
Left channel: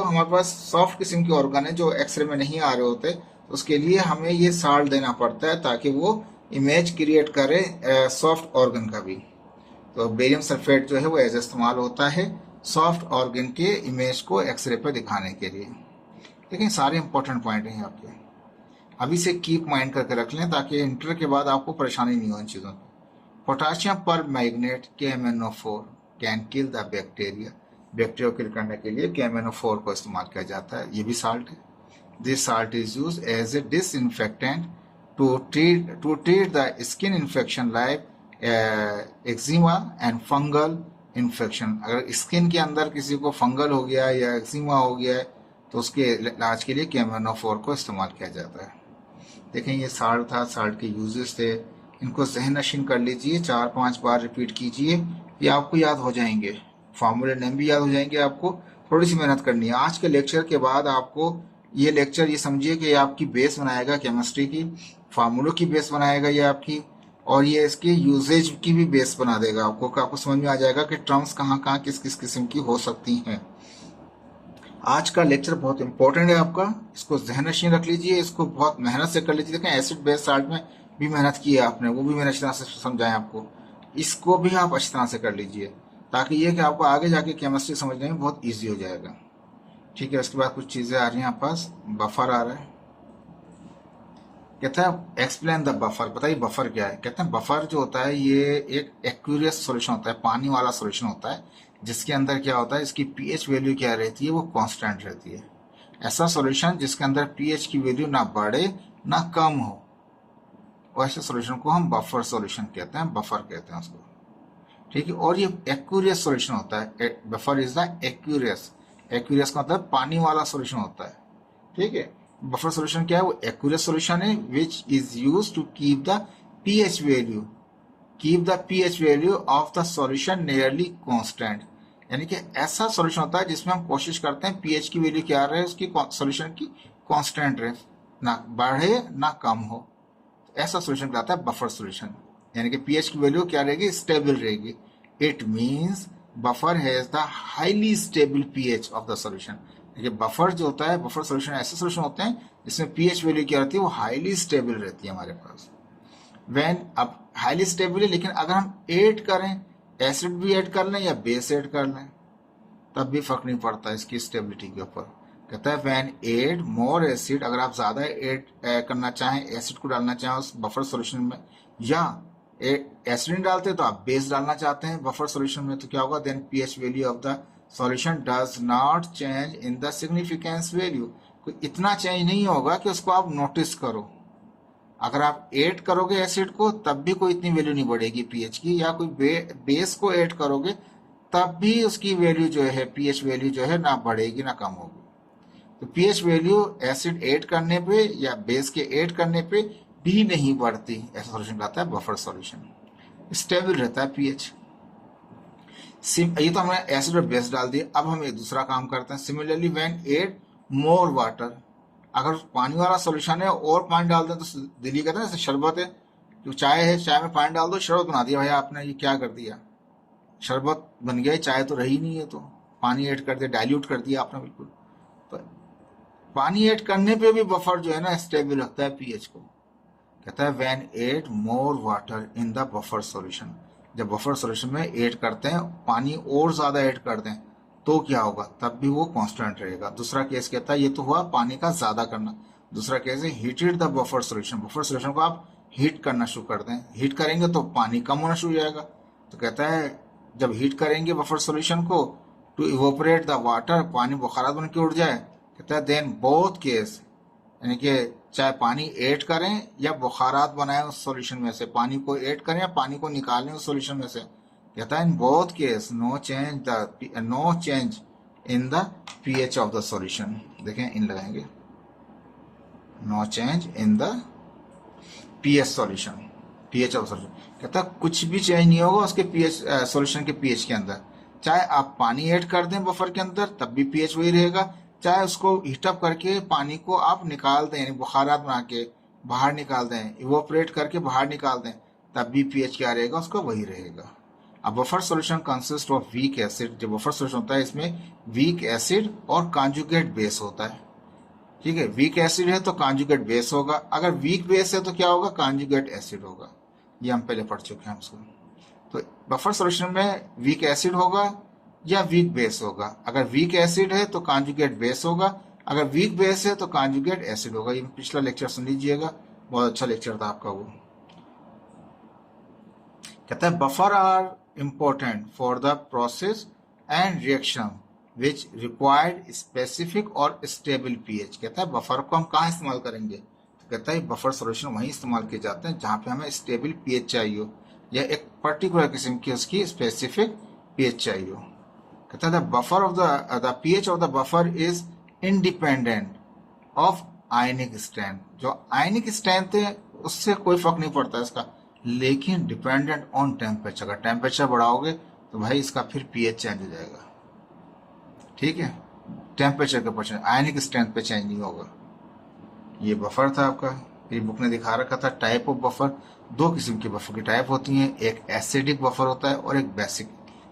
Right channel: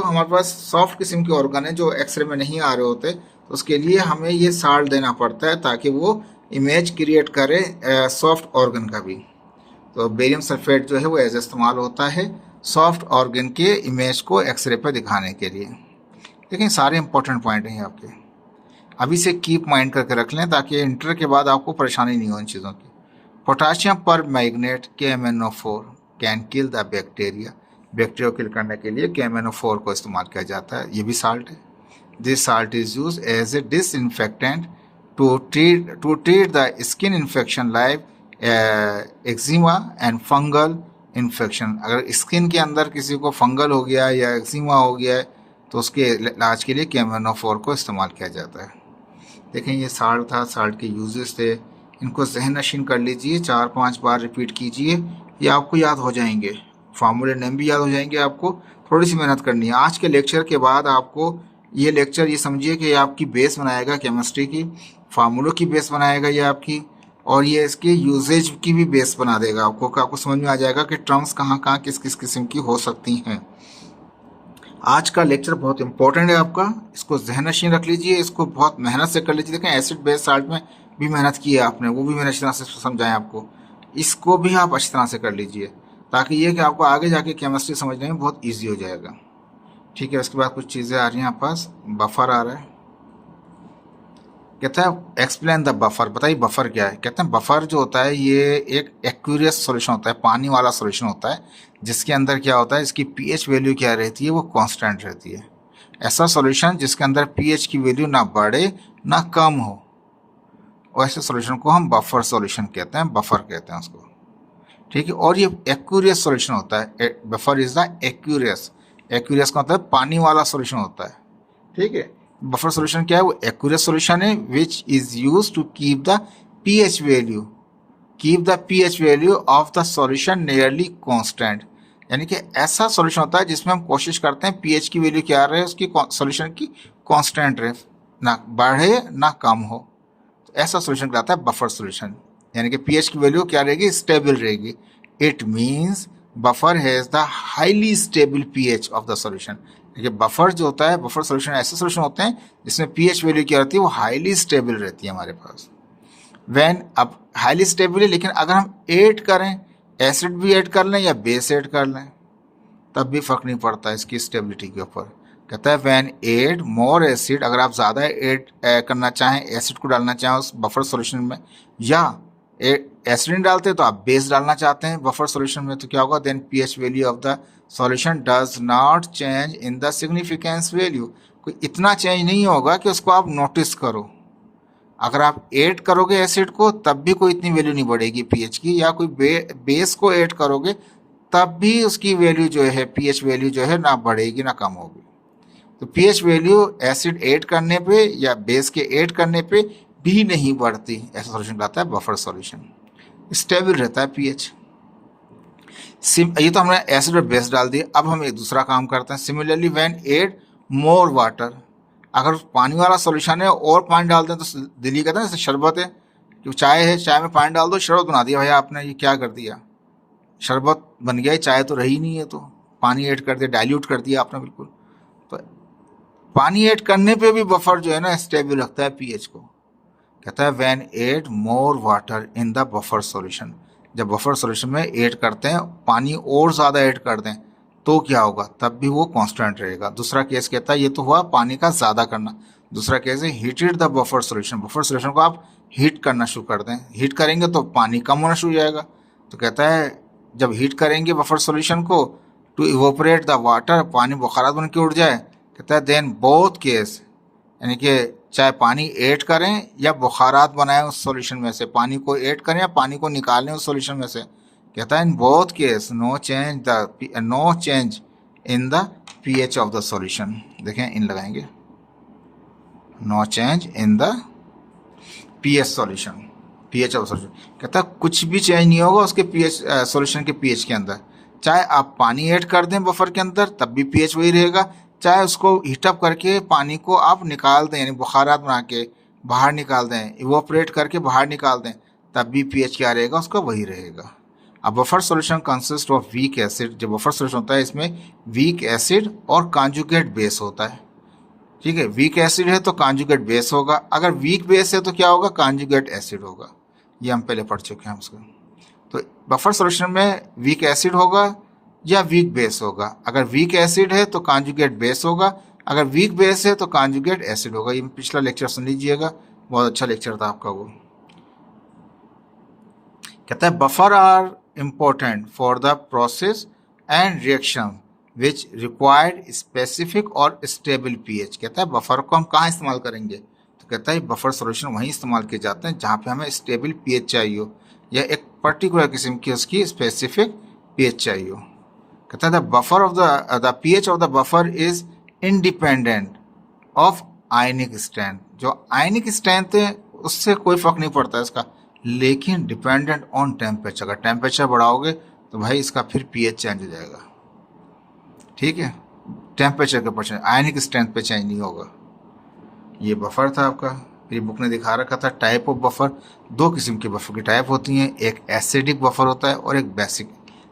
हमारे पास सॉफ्ट किस्म के ऑर्गन है जो एक्सरे में नहीं आ रहे होते, तो उसके लिए हमें ये साल्ट देना पड़ता है ताकि वो इमेज क्रिएट करे सॉफ्ट ऑर्गन का भी। तो बेरियम सल्फेट जो है वो एज इस्तेमाल होता है सॉफ्ट ऑर्गन के इमेज को एक्सरे पर दिखाने के लिए। लेकिन सारे इंपॉर्टेंट पॉइंट हैं आपके, अभी से कीप माइंड करके रख लें ताकि इंटर के बाद आपको परेशानी नहीं हो इन चीज़ों की। पोटाशियम पर magnet KMnO4 can kill the bacteria, bacteria को किल करने के लिए KMnO4 को इस्तेमाल किया जाता है, ये भी साल्ट है। This salt is use as a disinfectant to treat the skin infection like eczema and fungal infection. अगर स्किन के अंदर किसी को फंगल हो गया या एक्जिमा हो गया है तो उसके इलाज के लिए KMnO4 को इस्तेमाल किया जाता है। देखें ये साल्ट था, साल्ट के यूजेस थे, इनको जहन नशीन कर लीजिए, 4-5 बार रिपीट कीजिए, ये आपको याद हो जाएंगे, फार्मूले नेम भी याद हो जाएंगे। आपको थोड़ी सी मेहनत करनी है। आज के लेक्चर के बाद आपको ये लेक्चर ये समझिए कि आपकी बेस बनाएगा केमिस्ट्री की, फार्मूलों की बेस बनाएगा ये आपकी, और ये इसकी यूजेज की भी बेस बना देगा आपको समझ में आ जाएगा कि टर्म्स कहाँ कहाँ किस किस किस्म की हो सकती हैं। आज का लेक्चर बहुत इंपॉर्टेंट है आपका, इसको जहन नशीन रख लीजिए, इसको बहुत मेहनत से कर लीजिए। देखें एसिड बेस साल्ट में भी मेहनत की है आपने, वो भी मैंने अच्छी तरह से समझाएं आपको, इसको भी आप अच्छी तरह से कर लीजिए ताकि ये कि आपको आगे जाके केमिस्ट्री समझने में बहुत ईजी हो जाएगा, ठीक है। उसके बाद कुछ चीज़ें आ रही हैं आप पास, बफर आ रहा है, कहता है एक्सप्लेन द बफर, बताइए बफर क्या है। कहते हैं बफर जो होता है ये एक एक्वेरियस सॉल्यूशन होता है, पानी वाला सॉल्यूशन होता है, जिसके अंदर क्या होता है, इसकी pH वैल्यू क्या रहती है, वो कांस्टेंट रहती है। ऐसा सॉल्यूशन जिसके अंदर pH की वैल्यू ना बढ़े ना कम हो, वैसे सॉल्यूशन को हम बफर सॉल्यूशन कहते हैं, बफर कहते हैं उसको, ठीक है। और ये एक्वेरियस सॉल्यूशन होता है, buffer is the Aquarius, Aquarius का मतलब पानी वाला सॉल्यूशन होता है, ठीक है। बफर सॉल्यूशन क्या है, वो एक्वेरियस सॉल्यूशन है which is use to keep the pH value of the solution nearly constant, यानी कि ऐसा सॉल्यूशन होता है जिसमें हम कोशिश करते हैं pH की वैल्यू क्या रहे, उसकी सॉल्यूशन की कांस्टेंट रहे, ना बढ़े ना कम हो, तो ऐसा सॉल्यूशन कहलाता है बफर सॉल्यूशन, यानी कि pH की वैल्यू क्या रहेगी, स्टेबल रहेगी। It means buffer has the highly stable pH of the solution. देखिए बफर जो होता है, बफर सॉल्यूशन ऐसे सॉल्यूशन होते हैं जिसमें pH वैल्यू क्या रहती है, वो हाईली स्टेबल रहती है हमारे पास। व्हेन अब हाईली स्टेबल है, लेकिन अगर हम ऐड करें, एसिड भी ऐड कर लें या बेस ऐड कर लें, तब भी फर्क नहीं पड़ता इसकी स्टेबिलिटी के ऊपर। कहता है व्हेन ऐड मोर एसिड, अगर आप ज़्यादा ऐड करना चाहें, एसिड को डालना चाहें उस बफर सॉल्यूशन में, या एसिड नहीं डालते तो आप बेस डालना चाहते हैं बफर सॉल्यूशन में, तो क्या होगा, then pH value of the solution does not change in the significance value, कोई इतना चेंज नहीं होगा कि उसको आप नोटिस करो, अगर आप ऐड करोगे एसिड को तब भी कोई इतनी वैल्यू नहीं बढ़ेगी पीएच की, या कोई बेस को ऐड करोगे तब भी उसकी वैल्यू जो है, पीएच वैल्यू जो है, ना बढ़ेगी ना कम होगी। तो पीएच वैल्यू एसिड ऐड करने पे या बेस के ऐड करने पे भी नहीं बढ़ती। ऐसा सॉल्यूशन कहता है बफर सॉल्यूशन। स्टेबल रहता है पीएच। ये तो हमने एसिड और बेस डाल दिए। अब हम एक दूसरा काम करते हैं। Similarly when add more water, अगर पानी वाला सॉल्यूशन है और पानी डाल दें तो दिल्ली कहते हैं जैसे शरबत है, जो चाय है, चाय में पानी डाल दो शरबत बना दिया भैया आपने, ये क्या कर दिया, शरबत बन गया, चाय तो रही नहीं है, तो पानी ऐड कर दिया, डाइल्यूट कर दिया आपने बिल्कुल। तो पानी ऐड करने पे भी बफर जो है ना स्टेबल रखता है पीएच को। कहता है when add more water in the buffer solution, जब बफर सॉल्यूशन में ऐड करते हैं पानी और ज़्यादा ऐड कर दें तो क्या होगा, तब भी वो कांस्टेंट रहेगा। दूसरा केस कहता है, ये तो हुआ पानी का ज़्यादा करना। दूसरा केस है heated the buffer solution, buffer solution को आप हीट करना शुरू कर दें, हीट करेंगे तो पानी कम होना शुरू हो जाएगा। तो कहता है जब हीट करेंगे बफर सॉल्यूशन को टू इवोपरेट द वाटर, पानी बुखारात बन के उड़ जाए, कहता है देन बोथ केस, यानी कि चाहे पानी ऐड करें या बुखारात बनाएं उस सॉल्यूशन में से, पानी को ऐड करें या पानी को निकालें उस सॉल्यूशन में से, कहता है in both case no change in the pH of the solution. देखें इन लगाएंगे, no change in the pH solution, pH of solution. कहता है कुछ भी चेंज नहीं होगा उसके पीएच सॉल्यूशन के पीएच के अंदर। चाहे आप पानी ऐड कर दें बफर के अंदर तब भी पीएच वही रहेगा, चाहे उसको हीटअप करके पानी को आप निकाल दें, यानी बुखारात बना के बाहर निकाल दें, इवोपरेट करके बाहर निकाल दें, तब भी पीएच क्या रहेगा उसका वही रहेगा। अब buffer solution consist of weak acid, जो बफर सॉल्यूशन होता है इसमें वीक एसिड और कॉन्जुगेट बेस होता है। ठीक है, वीक एसिड है तो कॉन्जुगेट बेस होगा, अगर वीक बेस है तो क्या होगा, कॉन्जुगेट एसिड होगा। ये हम पहले पढ़ चुके हैं उसको। तो बफर सॉल्यूशन में वीक एसिड होगा या वीक बेस होगा। अगर वीक एसिड है तो कॉन्जुगेट बेस होगा, अगर वीक बेस है तो कॉन्जुगेट एसिड होगा। ये पिछला लेक्चर सुन लीजिएगा, बहुत अच्छा लेक्चर था आपका वो। कहता है buffer are important for the process and reaction which required specific और स्टेबल पीएच। कहता है बफर को हम कहाँ इस्तेमाल करेंगे, तो कहता है बफर सॉल्यूशन वहीं इस्तेमाल किए जाते हैं जहाँ पे हमें स्टेबल पीएच चाहिए हो या एक पर्टिकुलर किस्म की उसकी स्पेसिफिक पीएच चाहिए हो। कहता है the buffer of the pH of the buffer is independent of ionic strength, जो आयनिक स्ट्रेंथ है उससे कोई फर्क नहीं पड़ता इसका, लेकिन डिपेंडेंट ऑन टेम्परेचर। अगर टेम्परेचर बढ़ाओगे तो भाई इसका फिर पीएच चेंज हो जाएगा। ठीक है, टेम्परेचर के ऊपर, आयनिक स्ट्रेंथ पे चेंज नहीं होगा। ये बफर था आपका। मेरी बुक ने दिखा रखा था टाइप ऑफ बफर, दो किस्म के बफर की टाइप होती हैं, एक एसिडिक बफर होता है और एक बेसिक।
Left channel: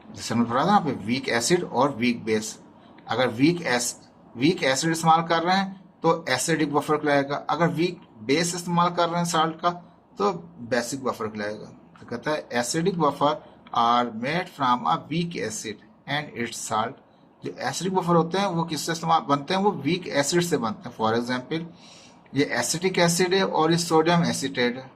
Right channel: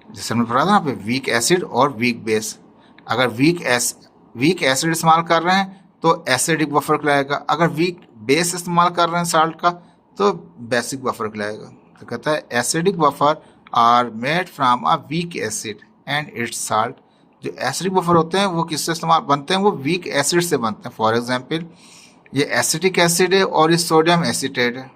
जैसे हमने पढ़ा था ना पे वीक एसिड और वीक बेस। अगर वीक एसिड इस्तेमाल कर रहे हैं तो एसिडिक बफर कहलाएगा, अगर वीक बेस इस्तेमाल कर रहे हैं साल्ट का तो बेसिक बफर कहलाएगा। तो कहता है acidic buffer are made from a weak acid and its salt. जो एसिडिक बफर होते हैं वो किससे इस्तेमाल बनते हैं, वो वीक एसिड से बनते हैं। फॉर एग्जाम्पल ये एसिटिक एसिड है और ये सोडियम एसीटेट है।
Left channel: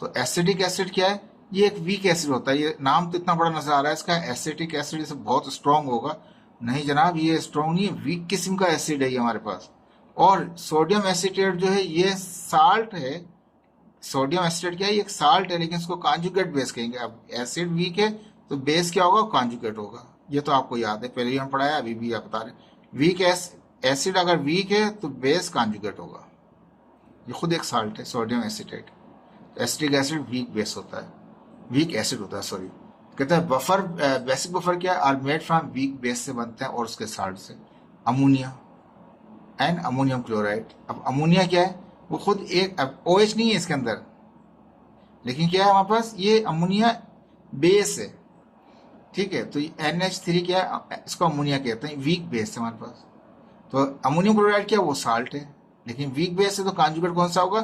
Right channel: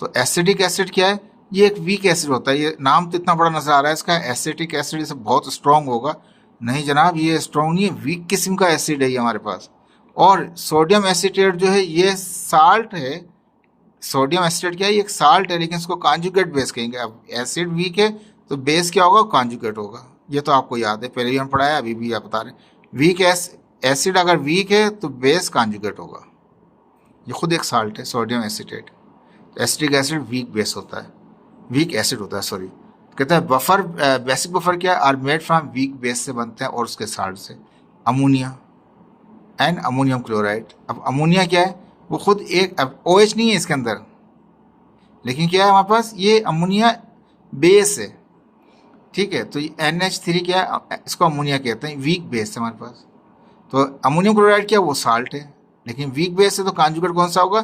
तो एसिडिक एसिड क्या है, ये एक वीक एसिड होता है। ये नाम तो इतना बड़ा नजर आ रहा है इसका, एसिटिक एसिड, से बहुत स्ट्रॉन्ग होगा। नहीं जनाब, ये स्ट्रॉन्ग नहीं है, वीक किस्म का एसिड है ये हमारे पास। और सोडियम एसीटेट जो है ये साल्ट है। सोडियम एसीटेट क्या है, ये एक साल्ट है, लेकिन इसको कॉन्जुगेट बेस कहेंगे। अब एसिड वीक है तो बेस क्या होगा, कॉन्जुगेट होगा। ये तो आपको याद है, पहले भी हम पढ़ाया, अभी भी आप बता रहे हैं। वीक एसिड अगर वीक है तो बेस कॉन्जुगेट होगा। ये खुद एक साल्ट है sodium acetate. Acetic acid weak base होता है, वीक एसिड होता है, सॉरी। कहता है बफर, बेसिक बफर क्या है, are made from weak base से बनते हैं और उसके साल्ट से, अमोनिया एंड अमोनियम क्लोराइड। अब अमोनिया क्या है, वो खुद एक, अब OH नहीं है इसके अंदर, लेकिन क्या है हमारे पास, ये अमोनिया बेस है। ठीक है, तो NH3 क्या है, इसको अमोनिया कहते हैं, वीक बेस है हमारे पास। तो अमोनियम क्लोराइड क्या है, वो साल्ट है, लेकिन वीक बेस है, तो कॉन्जुगेट कौन सा होगा,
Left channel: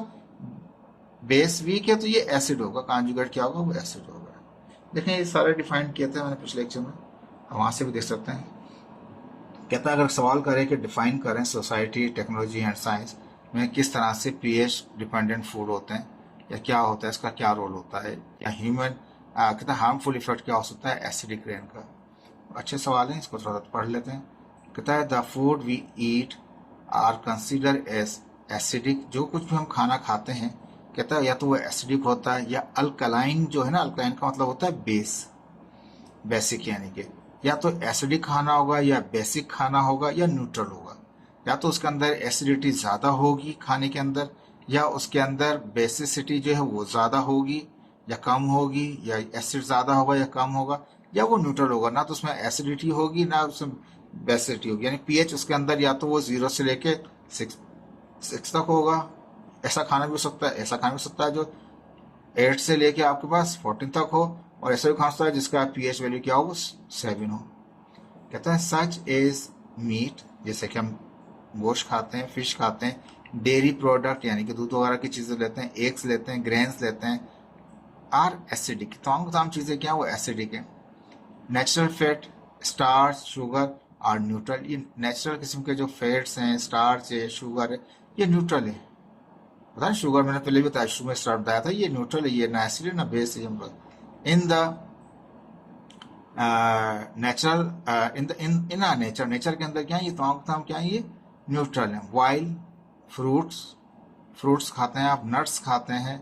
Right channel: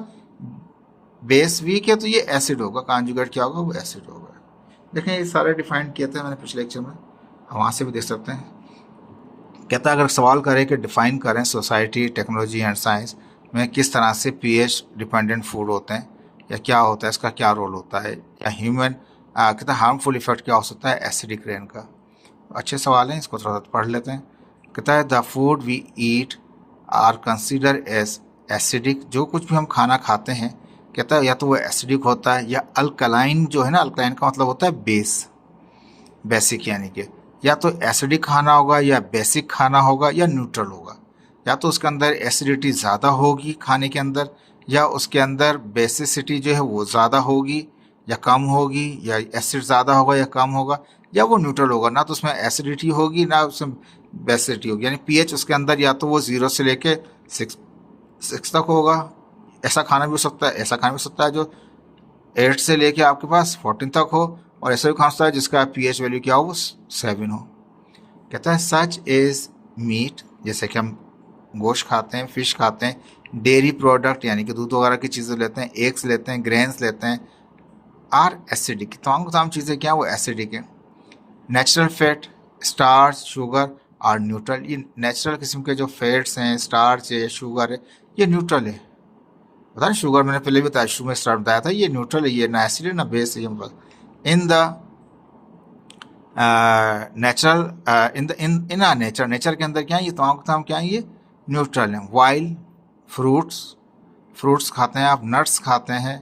बेस वीक है तो ये एसिड होगा, कॉन्जुगेट क्या होगा, वो एसिड होगा। देखें ये सारे डिफाइन किए थे मैंने पिछले लेक्चर में, वहाँ से भी देख सकते हैं। कहता है अगर सवाल करें कि डिफाइन करें सोसाइटी, टेक्नोलॉजी एंड साइंस में किस तरह से पीएच डिपेंडेंट फूड होते हैं या क्या होता है, इसका क्या रोल होता है, या ह्यूमन कहता है हार्मफुल इफेक्ट क्या हो सकता है एसिडिक रेन का। अच्छे सवाल हैं, इसको थोड़ा सा पढ़ लेते हैं। कहता है the food we eat are consider as acidic, जो कुछ भी हम खाना खाते हैं कहता है या तो वो एसिडिक होता है या अल्कलाइन, जो है ना, अल्कलाइन का मतलब होता है बेस, बेसिक यानी कि या तो एसिडिक खाना होगा या बेसिक खाना होगा या न्यूट्रल होगा। या तो उसके अंदर एसिडिटी ज़्यादा होगी खाने के अंदर, या उसके अंदर बेसिसिटी जो है वो ज़्यादा होगी या कम होगी, या एसिड ज़्यादा होगा या कम होगा, या वो न्यूट्रल होगा, ना तो उसमें एसिडिटी होगी ना उसमें बेसिसिटी होगी। यानी पीएच उसके अंदर या तो वो 0 से लेके 6 तक होगा, ऐसा खाना भी हो सकता है, ऐसा खाना भी हो सकता है जो 8 से लेके आपके पास 14 तक हो, और ऐसा भी खा सकता है जिसका पीएच वैल्यू क्या हो, वो 7 हो। कहता है सच इज मीट, जैसे कि हम गोश्त खाते हैं, फिश खाते हैं, डेयरी प्रोडक्ट यानी कि दूध वगैरह की चीज़ें लेते हैं, एग्स लेते हैं, ग्रेन्स लेते हैं, आर एसिडिक, तमाम चीज़ें क्या वो एसिडिक है। Natural fat, starch, sugar are neutral, ये नेचुरल किस्म के जो फैट्स हैं, स्टार्च है, शुगर है, ये न्यूट्रल है। पता नहीं, शुगर मैंने पहले भी बताया, शुगर में स्टार्ट बताया था, ये न्यूट्रल है, ये ना एसिड है ना बेस है, ये in the natural in a nature, nature के अंदर क्या है, ये तमाम क्या है, ये न्यूट्रल है। वाइल फ्रूट्स खाते हैं आप, नट्स खाते हैं,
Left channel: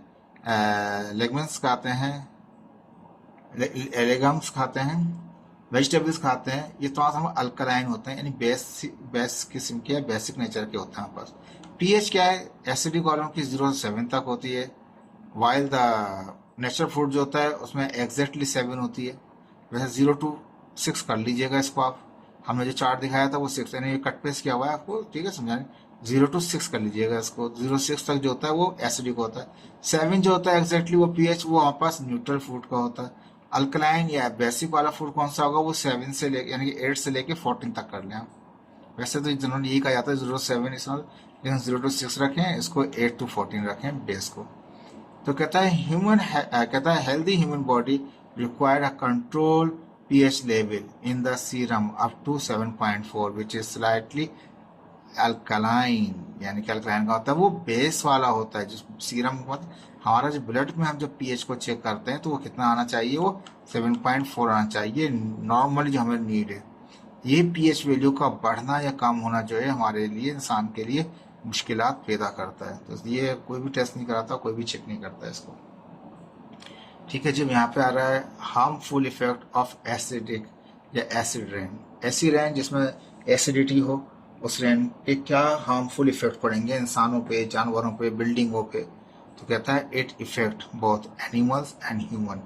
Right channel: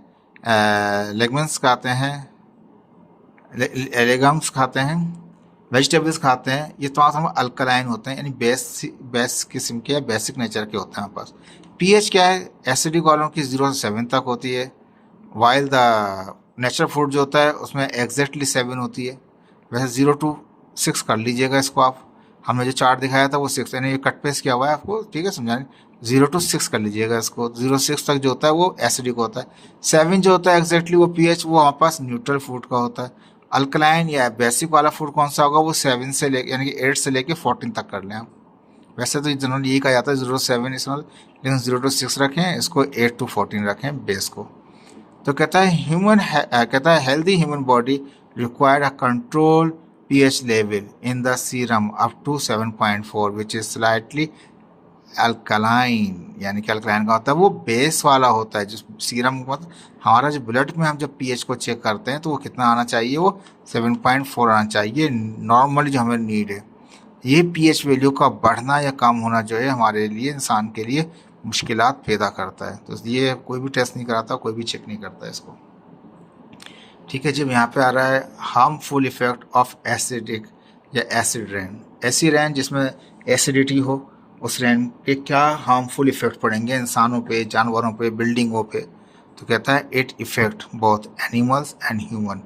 लेगमेंट्स खाते हैं, लेगम्स खाते हैं, वेजिटेबल्स खाते हैं, ये तमाम अल्कलाइन होते हैं, यानी बेस किस्म के, बेसिक नेचर के होते हैं हमारे पास। पीएच क्या है, एसिडिक वालों की 0 से 7 तक होती है, वाइल द नेचुरल फूड जो होता है उसमें एग्जैक्टली 7 होती है। वैसे 0 to 6 कर लीजिएगा इसको आप, हमने जो चार्ट दिखाया था वो 6, यानी ये कट पेस्ट किया हुआ है आपको, ठीक है, समझाने। 0 to 6 कर लीजिएगा इसको, 0 से 6 तक जो होता है वो एसिडिक होता है, 7 जो होता है एग्जैक्टली वो पीएच वो हमारे पास न्यूट्रल फूड का होता है। अल्कलाइन या बेसिक वाला फूड कौन सा होगा, वो 7 से ले यानी कि 8 से लेके 14 तक कर लें आप। वैसे तो जनरली यही कहा जाता है 0 to 7 इसमें, लेकिन 0 to 6 रखें, इसको 8 to 14 रखें बेस को। तो कहता है healthy human body required a control pH level in the serum up to 7.4 which is slightly alkaline, यानी कि अल्कलाइन का होता है वो बेस वाला होता है। जो सीरम मतलब हमारा जो ब्लड में हम जब पीएच को चेक करते हैं तो वो कितना आना चाहिए, वो 7.4 आना चाहिए नॉर्मली जो हमें नीड है। ये पीएच वैल्यू का बढ़ना या कम होना जो है हमारे लिए, इंसान के लिए मुश्किलात पैदा करता है। तो ये कोई भी टेस्ट नहीं कराता, कोई भी चेक नहीं करता इसको, ठीक है जी। यहाँ पे आ रहा है हार्मफुल इफेक्ट ऑफ एसिडिक या एसिड रेन। ऐसी रेन जिसमें एसिडिटी हो, उस रेन के क्या हार्मफुल इफेक्ट पड़ेंगे इंसानों पे, जानवरों पे, बिल्डिंगों पे। तो कहता है it effect both animals and human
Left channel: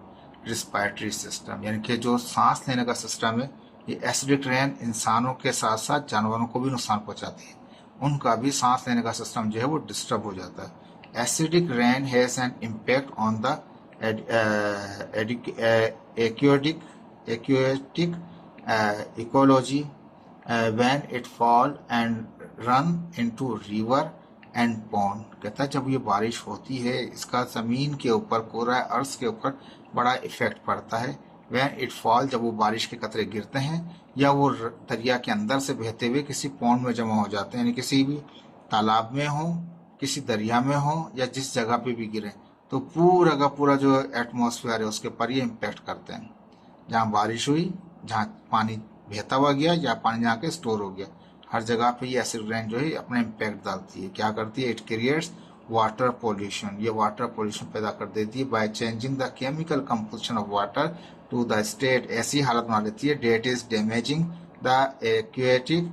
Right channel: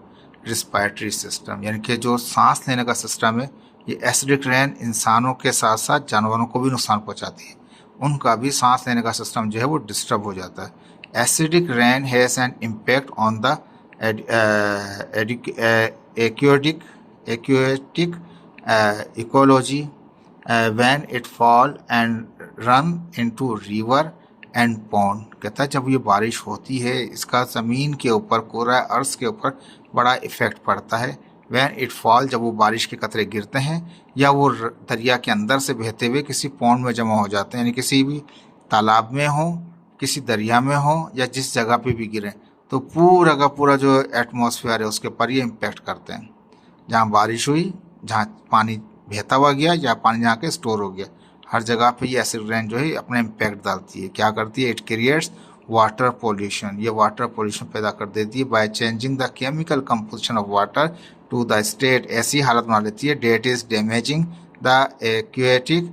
respiratory system, यानी कि जो सांस लेने का सिस्टम है, ये एसिडिक रेन इंसानों के साथ साथ जानवरों को भी नुकसान पहुँचाती है, उनका भी सांस लेने का सिस्टम जो है वो डिस्टर्ब हो जाता है। Acidic rain has an impact on the aquatic ecology when it fall and run into river and pond। कहता है जब ये बारिश होती है इसका ज़मीन के ऊपर, कोरा अर्थ के ऊपर बड़ा इफ़ेक्ट पड़ता है। when it fall, जब वो बारिश के कतरे गिरते हैं या वो दरिया के अंदर से बहते हुए किसी पौंड में जमा हो जाते हैं, यानी किसी भी तालाब में हो, किसी दरिया में हो, या जिस जगह पे भी गिरें, तो पूरा का पूरा जो एटमॉस्फेयर है उसके ऊपर ये इम्पेक्ट करते हैं। जहाँ बारिश हुई, जहाँ पानी बहता हुआ गया या पानी जहाँ के स्टोर हो गया, हर जगह पे ये एसिड रेन जो है अपना इम्पैक्ट डालती है। क्या करती है, इट क्रिएट्स वाटर पोल्यूशन, ये वाटर पोल्यूशन पैदा कर देती है by changing the chemical composition of water to the state, ऐसी हालत बना लेती है that is damaging the aquatic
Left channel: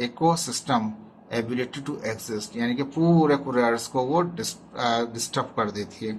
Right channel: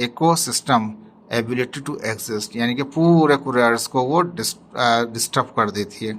ecosystem ability to exist, यानी कि पूरे अर्थ को वो डिस्टर्ब कर देती है।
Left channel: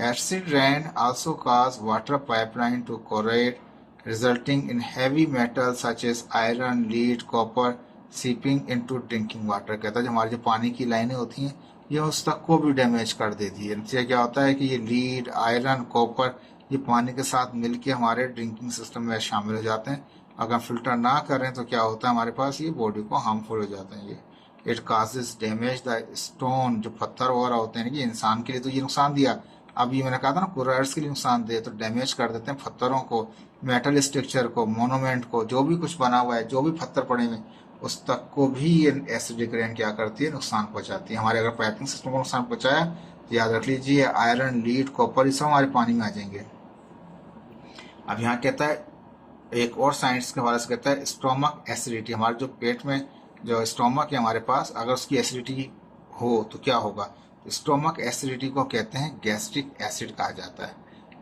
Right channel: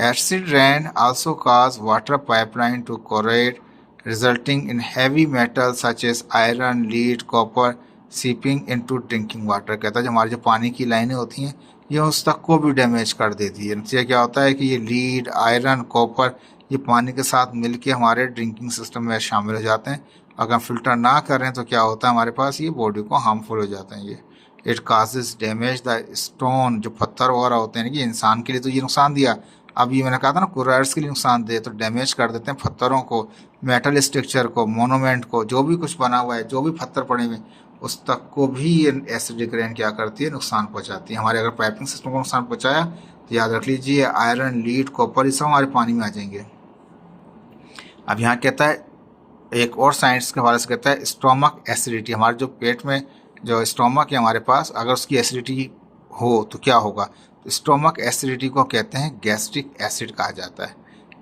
Acid rain also cause water pipeline to corrode resulting in heavy metal such as iron, lead, copper seeping into drinking water. कहता है जो हमारी जो पानी की लाइनें होती हैं ये उस तक को भी डैमेज कर देती है। इससे क्या होता है कि ये लीड, आयरन, कॉपर ये पानी के साथ मिलके हमारे ड्रिंकिंग सिस्टम में शामिल हो जाते हैं। अगर फिल्टर ना करें तो क्या होता है, हमारे पास ये बॉडी को हार्मफुल हो जाते हैं ये। It causes damage the stone, जो पत्थर वगैरह होते हैं कि इंसान के लिए तो ये नुकसान दिया, अब ये मैंने कहा था ना कुरार्स के लिए नुकसान दे, तो डैमेज कर देते हैं पत्थरों को, मेटल स्ट्रक्चर को, मोनूमेंट को, जो भी कुछ बना हुआ है, जो भी पत्थर पड़े हुए उस तक को भी एसिडिक रेन क्या करती है, नुकसान पहुंचाती है। हमारे अगर पाइपिंग सिस्टम को नुकसान पहुंचाया तो याद रख लीजिए आयरन, लीड, कॉपर ये सब हमारे पानी में आ जाएंगे। अब यहाँ कहता है एक और साइंस के हवाले से कहता है स्टोमक एसिडिटी, हमारे जो पेट में जो स्टोमक है हमारे पास, अगर उसकी एसिडिटी हो तो क्या होगा। स्टोमक एसिडिटी को कहते हैं गैस्ट्रिक एसिड कहा जाता है।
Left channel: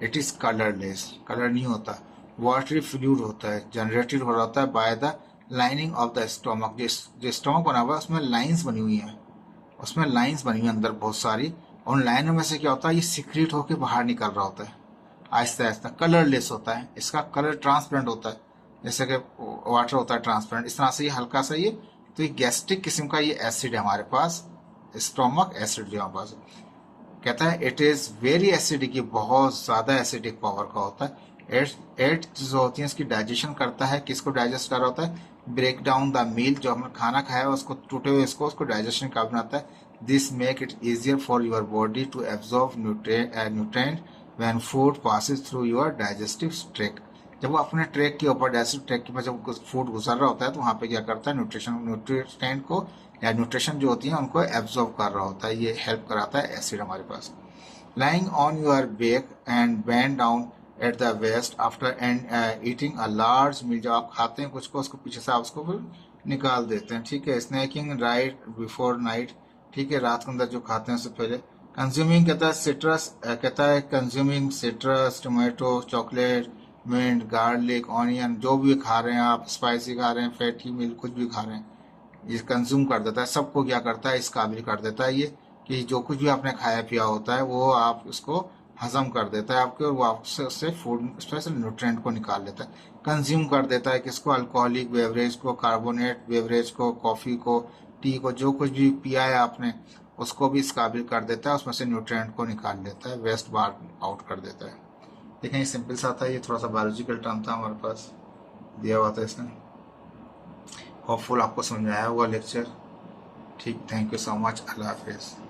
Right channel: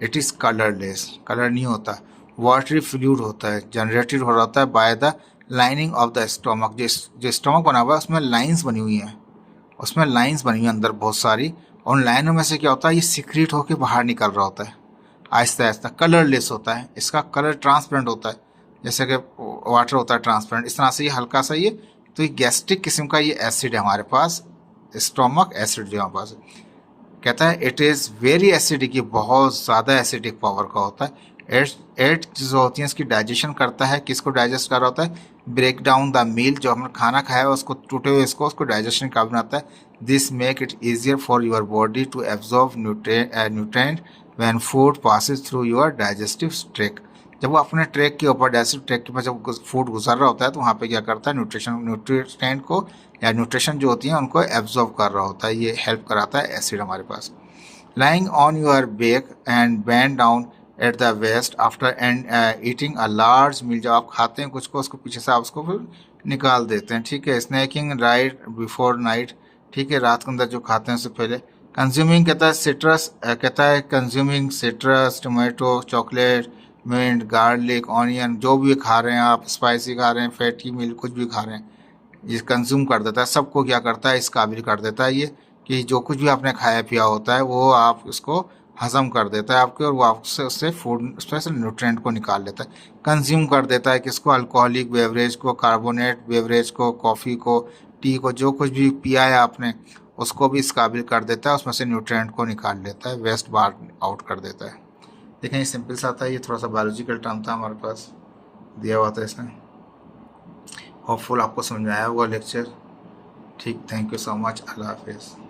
इट इज़ कलरलेस, कलर नहीं होता, वाटरी फ्लूइड होता है, जनरेटेड हो रहा होता है by the lining of the stomach. जो स्टोमक बना हुआ है उसमें लाइंस बनी हुई हैं, उसमें लाइंस बनी हुई हैं अंदर बहुत सारी, और उन लाइनों में से क्या होता है, ये सिक्रीट होकर बाहर निकल रहा होता है आहिस्ता आहिस्ता। कलरलेस होता है, इसका कलर ट्रांसपेरेंट होता है, जैसे कि वाटर होता है ट्रांसपेरेंट, इस तरह से ये हल्का सा ये, तो ये गैस्ट्रिक किस्म का ये एसिड है हमारे पास, स्टोमक एसिड जो हमारे पास है। कहता है इट इज़ वेरी एसिडिक, ये बहुत ज़्यादा एसिडिक पावर का होता है। एट जो होती है इसकी डाइजेशन करता है, किसको डाइजेस्ट कर रहा होता है, ब्रेक डाउन द मील, जो हमने खाना खाया है उसको टूटे हुए इसको उसको डाइजेशन का बनाता है। This make it easier for your body to absorb nutrient when food passes through your digestive tract. जब वो अपने ट्रैक के ऊपर, डाइजेस्टिव ट्रैक के पास जब फूड गुजर रहा होता है तो वहाँ पे क्या करता है, न्यूट्रिएंट को या न्यूट्रिशन जो होती है उनको एब्जॉर्ब कर रहा होता है, ये हेल्प कराता है एसिड हमारे पास। Lying on your back and bend down at the waist after and eating a large meal, जब आप खाते हैं कुछ को उसको पीछे से आप उसको फिर निकाल देते हैं, ठीक है। स्नैकिंग राइट बिफोर नाइट, ठीक है, रात के अंदर जो खाते हैं उससे पहले। कंज्यूमिंग कहता है सिट्रस, कहता है consuming citrus, tomato, chocolate, mint, garlic, onion, जो भी खा रहे हैं आप, स्पाइसी खा रहे हैं, फैटी मील कुछ भी खा रहे हैं, ये कंज्यूम कर देता है, सबको क्या करता है, इस काबिल कर देता है ये कि जो कुछ भी आपने खाया पिया होता है वो आप उसको हजम कर देता है आपके, और वो आपसे उससे फूड स्पेशल न्यूट्रिएंट को निकाल लेता है। कंज्यूम कर देता है किसको, अल्कोहलिक बेवरेज को, कार्बोनेट बेवरेज को, कॉफ़ी को, टी को, जो कुछ भी पिया है आपने उसको भी इस काबिल कर देता है, उसमें से न्यूट्रिएंट को निकाल लेता है, वेस्ट बाहर आउट कर देता है। देखें ये सिंपल सा था, ये थोड़ा सा बायोलॉजिकल टर्म था हमारे पास दिया हुआ था इसने। होपफुल आपको समझ में आया होगा लेक्चर। ठीक, थैंक यू सो मच, अल्लाह हाफिज़।